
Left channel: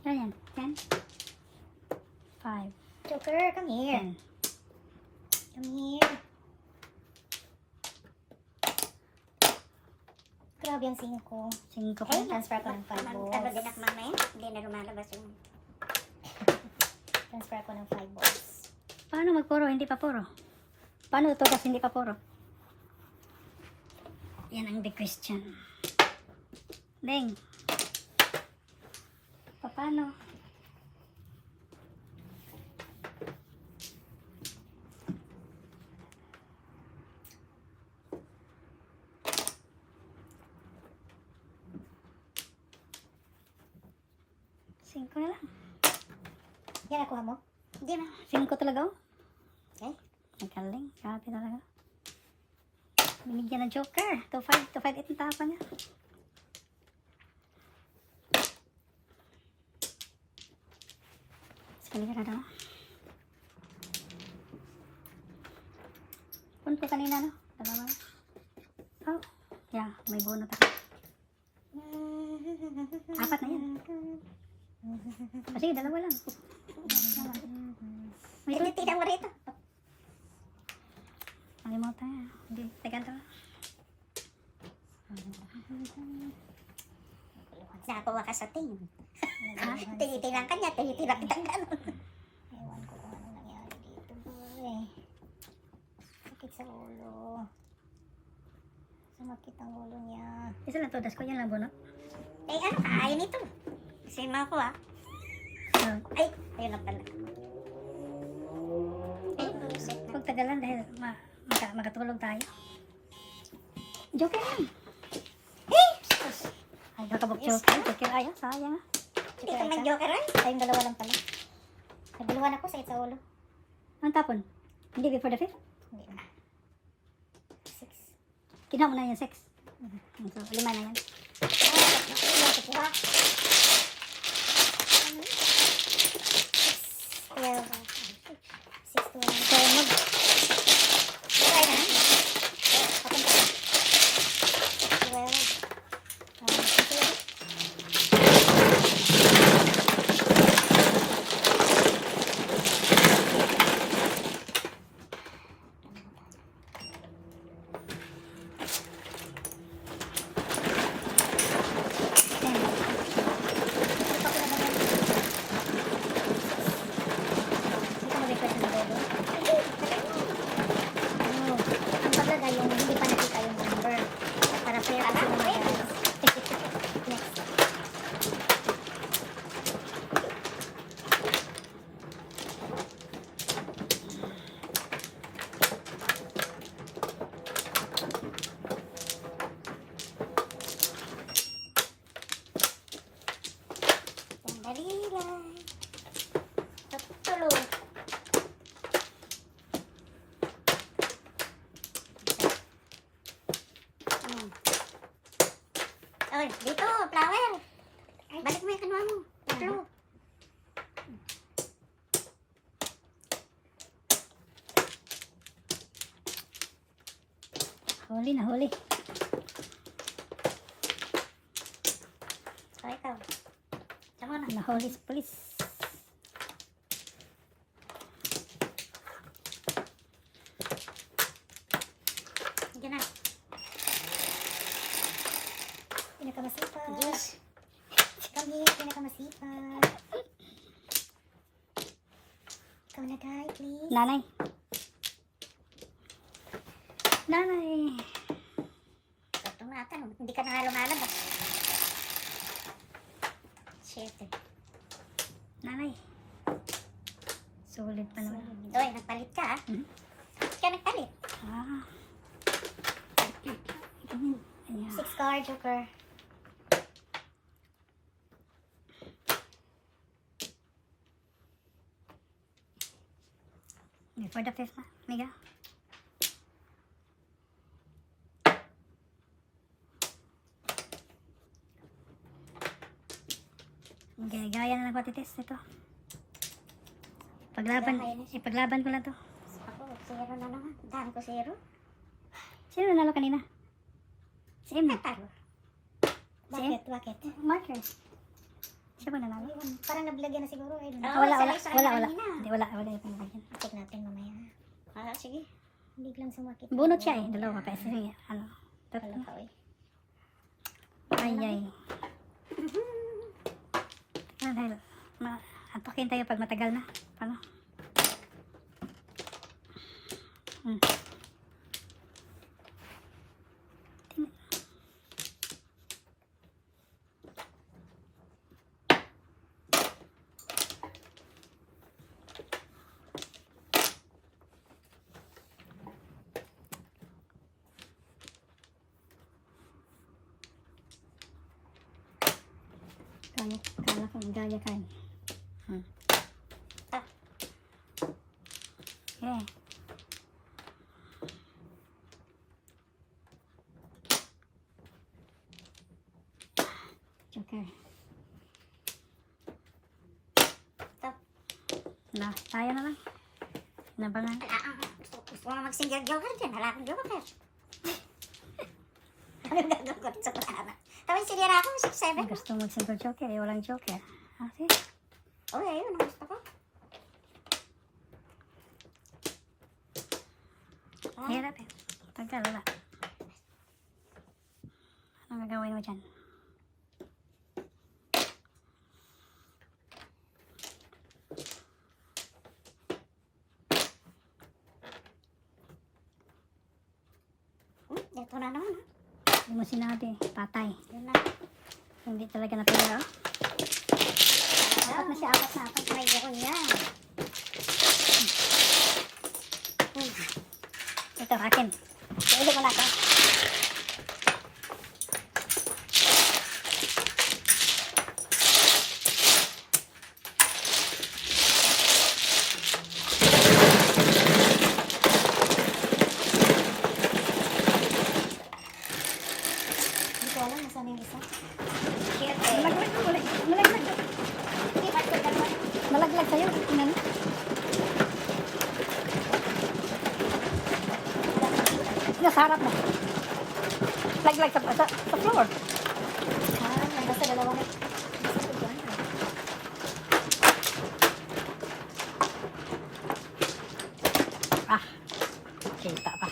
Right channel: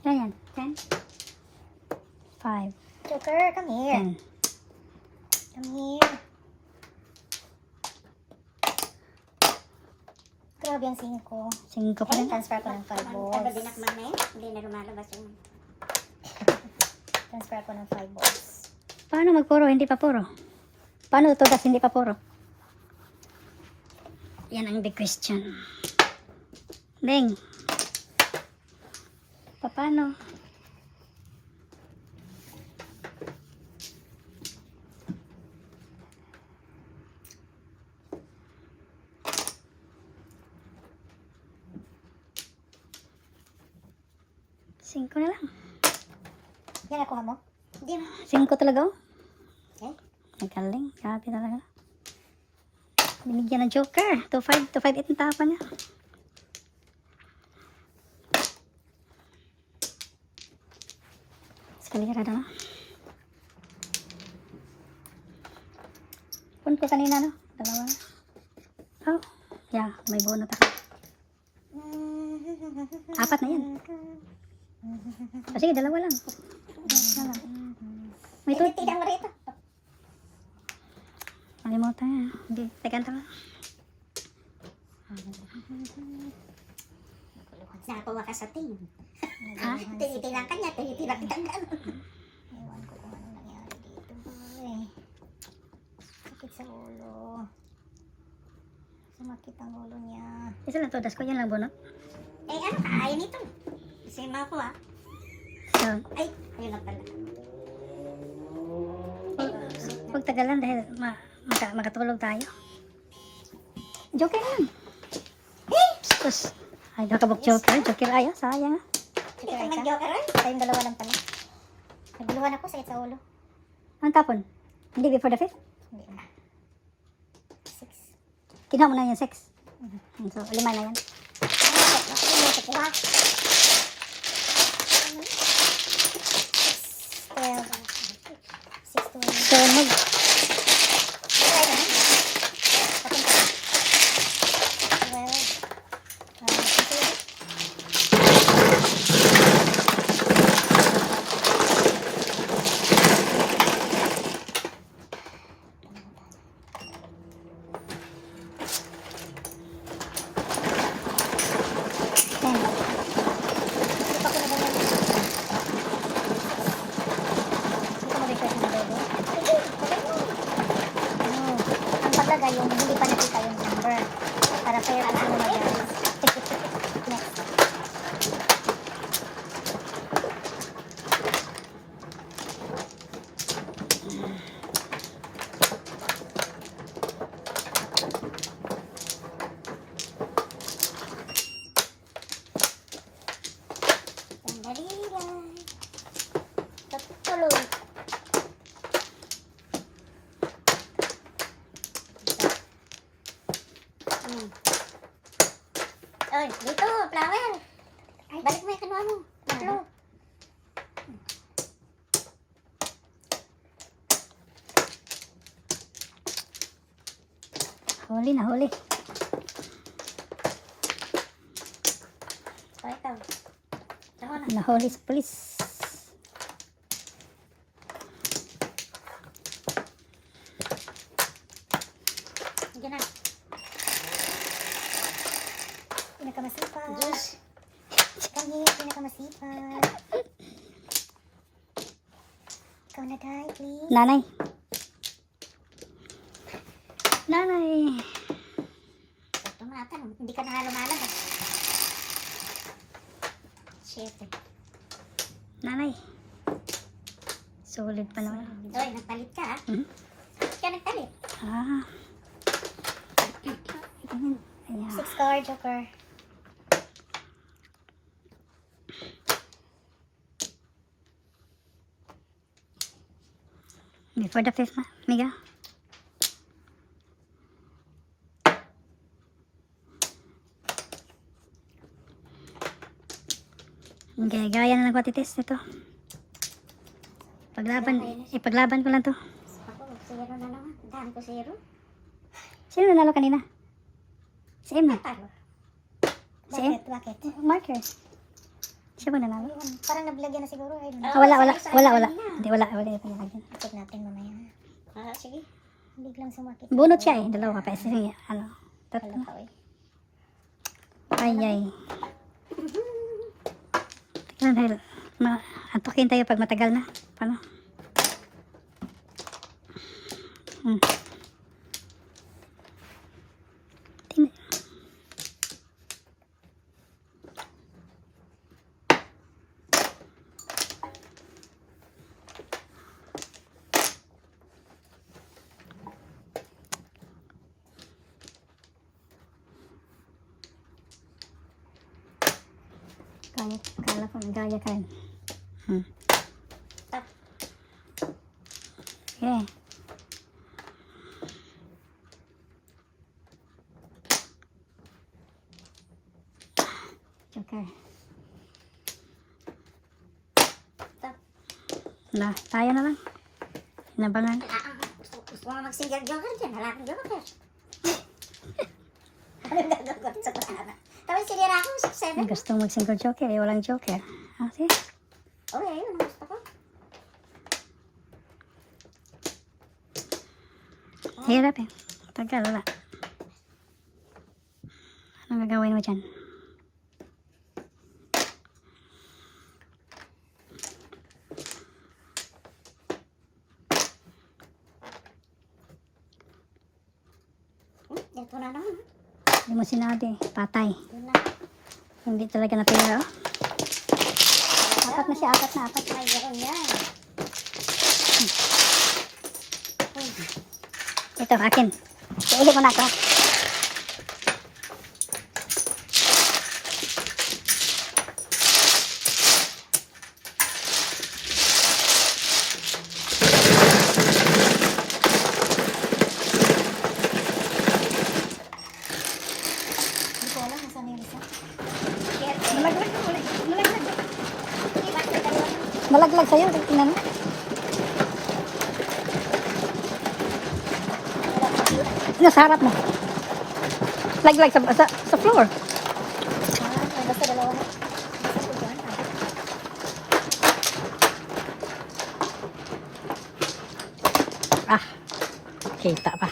Ayan, 10. 5. Joker, come here. 10. Come here. Grabe ang 5. 5 pa rin. Transfer ko ng 5 balls. Taga dinakmang na yun, hindi na lumalabas yung... Transfer ko ng 5 balls. Paano magpuro? Hindi pa puro. Paano tutugas? Hindi pa puro. Yan ang big question. Ding. Paano? Singko na lang. Yan nakuha mo? Hindi na. Singko talaga oh. Okay. Nagaling. Grabe talaga. Binigyan ng joker. 2-5. 2-5-8 ang tapan niya. Escalera na. Pun ko kanina no? Dalawa. Oh. Yeah. May bunot ako. 4 na yan. O sige, dalawa lang. May to. Tignan mo rito. Malimutan nga. Hindi. Tegan to. Natuwa ka sa tingin. Ha? Tinitilang ka niya, tinitilang kita gano'n. Ewan ko kung anong nangyari dito. Boy. Sakit sa ulo. Sumakit ang ulo niya. Isa lang to. Das ko yan lang bunot. Eh ano, kakain ito. Kasi mo ako ah. So, Ay, ayun na pala. huwag tagalan dahil makatulog tayo. Joker lang. Sus. Ay, nakabok joker. Joker ayaw. Sayang. Joker Ito ay ka? mag-joker eh. Tayong dalawa lang pala. Naguluhan ako, sakit sa ulo. Ang tapon? Hindi before the 5th? Hindi na. 6. Kinuha mo na yung 6. So, 5 na yan. Grabe, nahuli. So, ito. Ito na. Nahuli sa pulis. Hindi na. Pinakamasipag. Diyos. Kami, pinakamasipag. Ikaw na, Day, please. Nanay. Nanay. Sa tumatan. Hindi ka na nga lumalabas. Shit. Nanay. Sulit pa naman. Doy, nagpalit ka ha? Mhm. Bakit ka nagpalit? Ah. Ayan. 6 card, Joker. Before the fifth, Mega. Okay, gaya na ng patitis ito. Ipaglaban ko lang to. Ako, zero na naman. Daan ko zero. Sino nanalo kanina? Si Em. Talo. Si Em? Bakit? Marker. Siya ba nanalo? Ayun, parang nablagyan na siguro. Ayun. Oo, Wala. isa-isa Wala. na. Hindi, wala ito nalagyan. Check natin mamaya. Ah, sige. Biglang sumakit. Bunot siya eh. Dalawa pa. Sige, ano. Kala Tatlo. ka, eh. Ay. Tignan dahil. Antukin tayo pag matagal na. Paano? Tingnan. Kala ko medalya ka rin. Okay. Joker. Na, tayo na lang. Nabangan. Gusto ko nga mag-single joker dyan. Wala akong joker. Anong gagawin ko sa putana? Tapos sinira ako, 6-7. Gusto mag-single joker eh, walang joker. Ah, sige. Okay, yun ang gusto ko. Hirap eh. Tagal, wala. Anong gagawin mo dyan? Ito na naman. Hindi mo sinabi. Patay. Yun na. Hindi talaga napira. Apat na siya, apat na. Ay, gano'n yan. Ito, akin. Ulit mo na ito. Hindi ko alam nasaan yung isa. Malaglag ka ulit. Malaglag ka. Malaglag sa'yo. Tingnan mo. Nasa harap mo. Laglag sa floor. Basta dalawa na. Basta tutuan ka. Ah. Kita pa.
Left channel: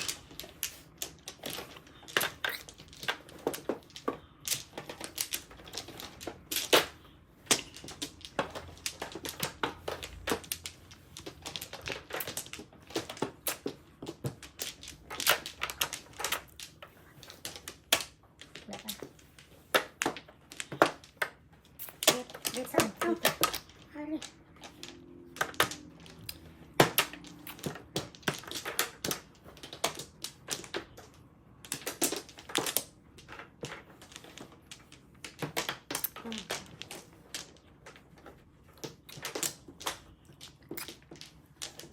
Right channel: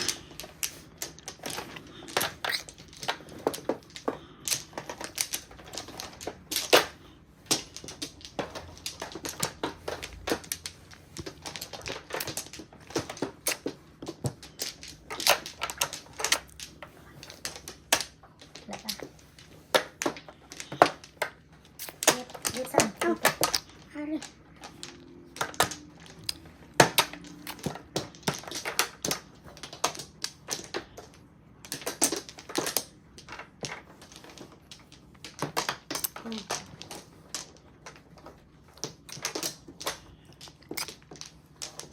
Wala pa. Dito saan? Dito. Hari.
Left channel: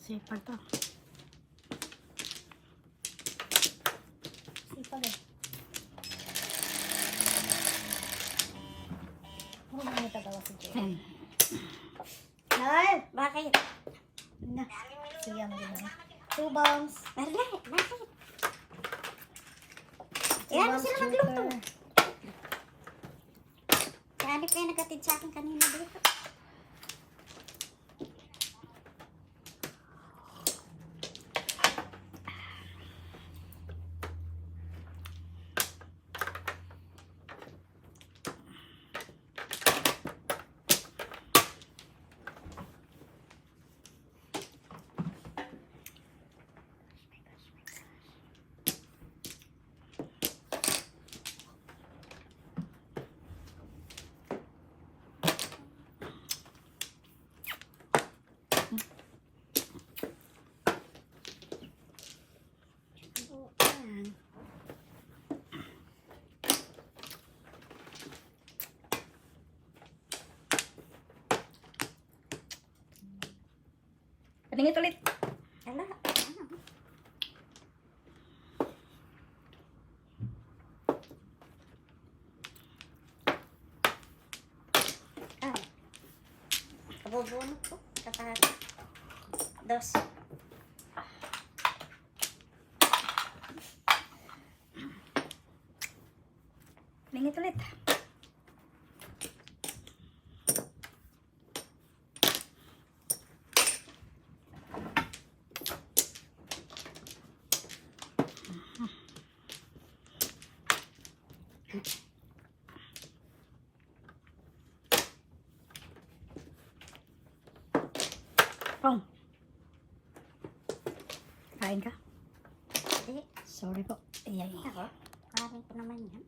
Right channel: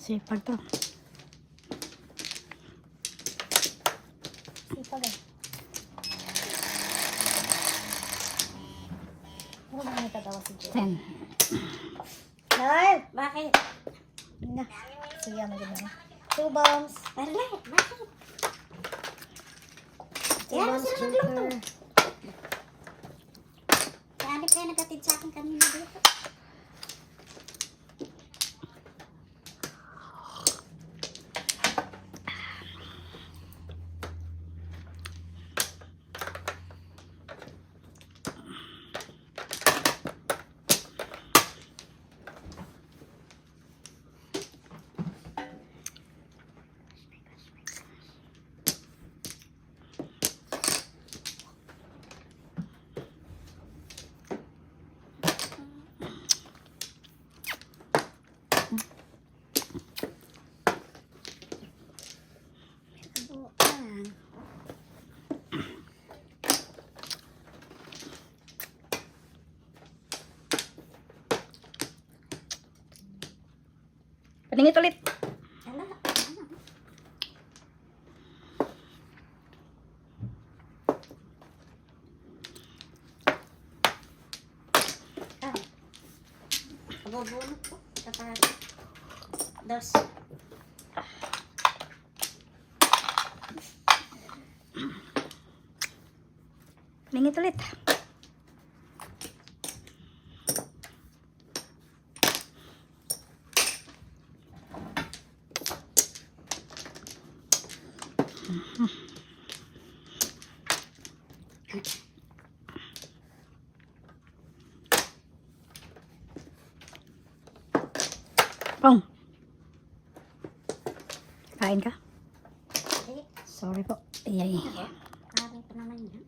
Sipag to. Sipag eh. Ano ba may tagawa si Jay? 10. Nal! Bakit? Na. Siya mo gano'n. 2 bombs. Wala. Bakit? Yan, Evans sila magluto. Joker. Hanip kayo nagkatid sa akin kanina dito. Paningit ulit. Ala, kabubunot ko. Dos. Paningit ulit. Pong. Kain ka? Hindi. Sorry po. Iyay. Karin pa naman yan.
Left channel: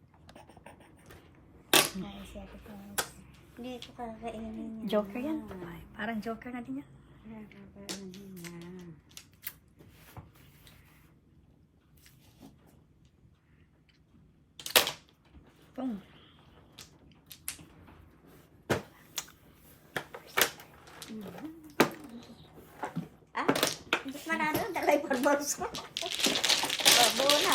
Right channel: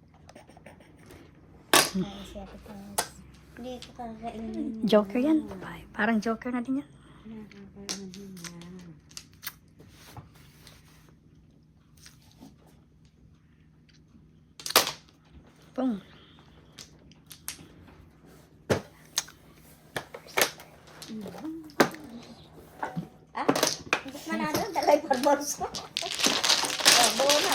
Kain si Ate Tess. Hindi ko kakainin. Joker yan. Ay, parang Joker na din yan. Pong. Ah, hindi manalo. Dalay pa bolso. Oh, buo na.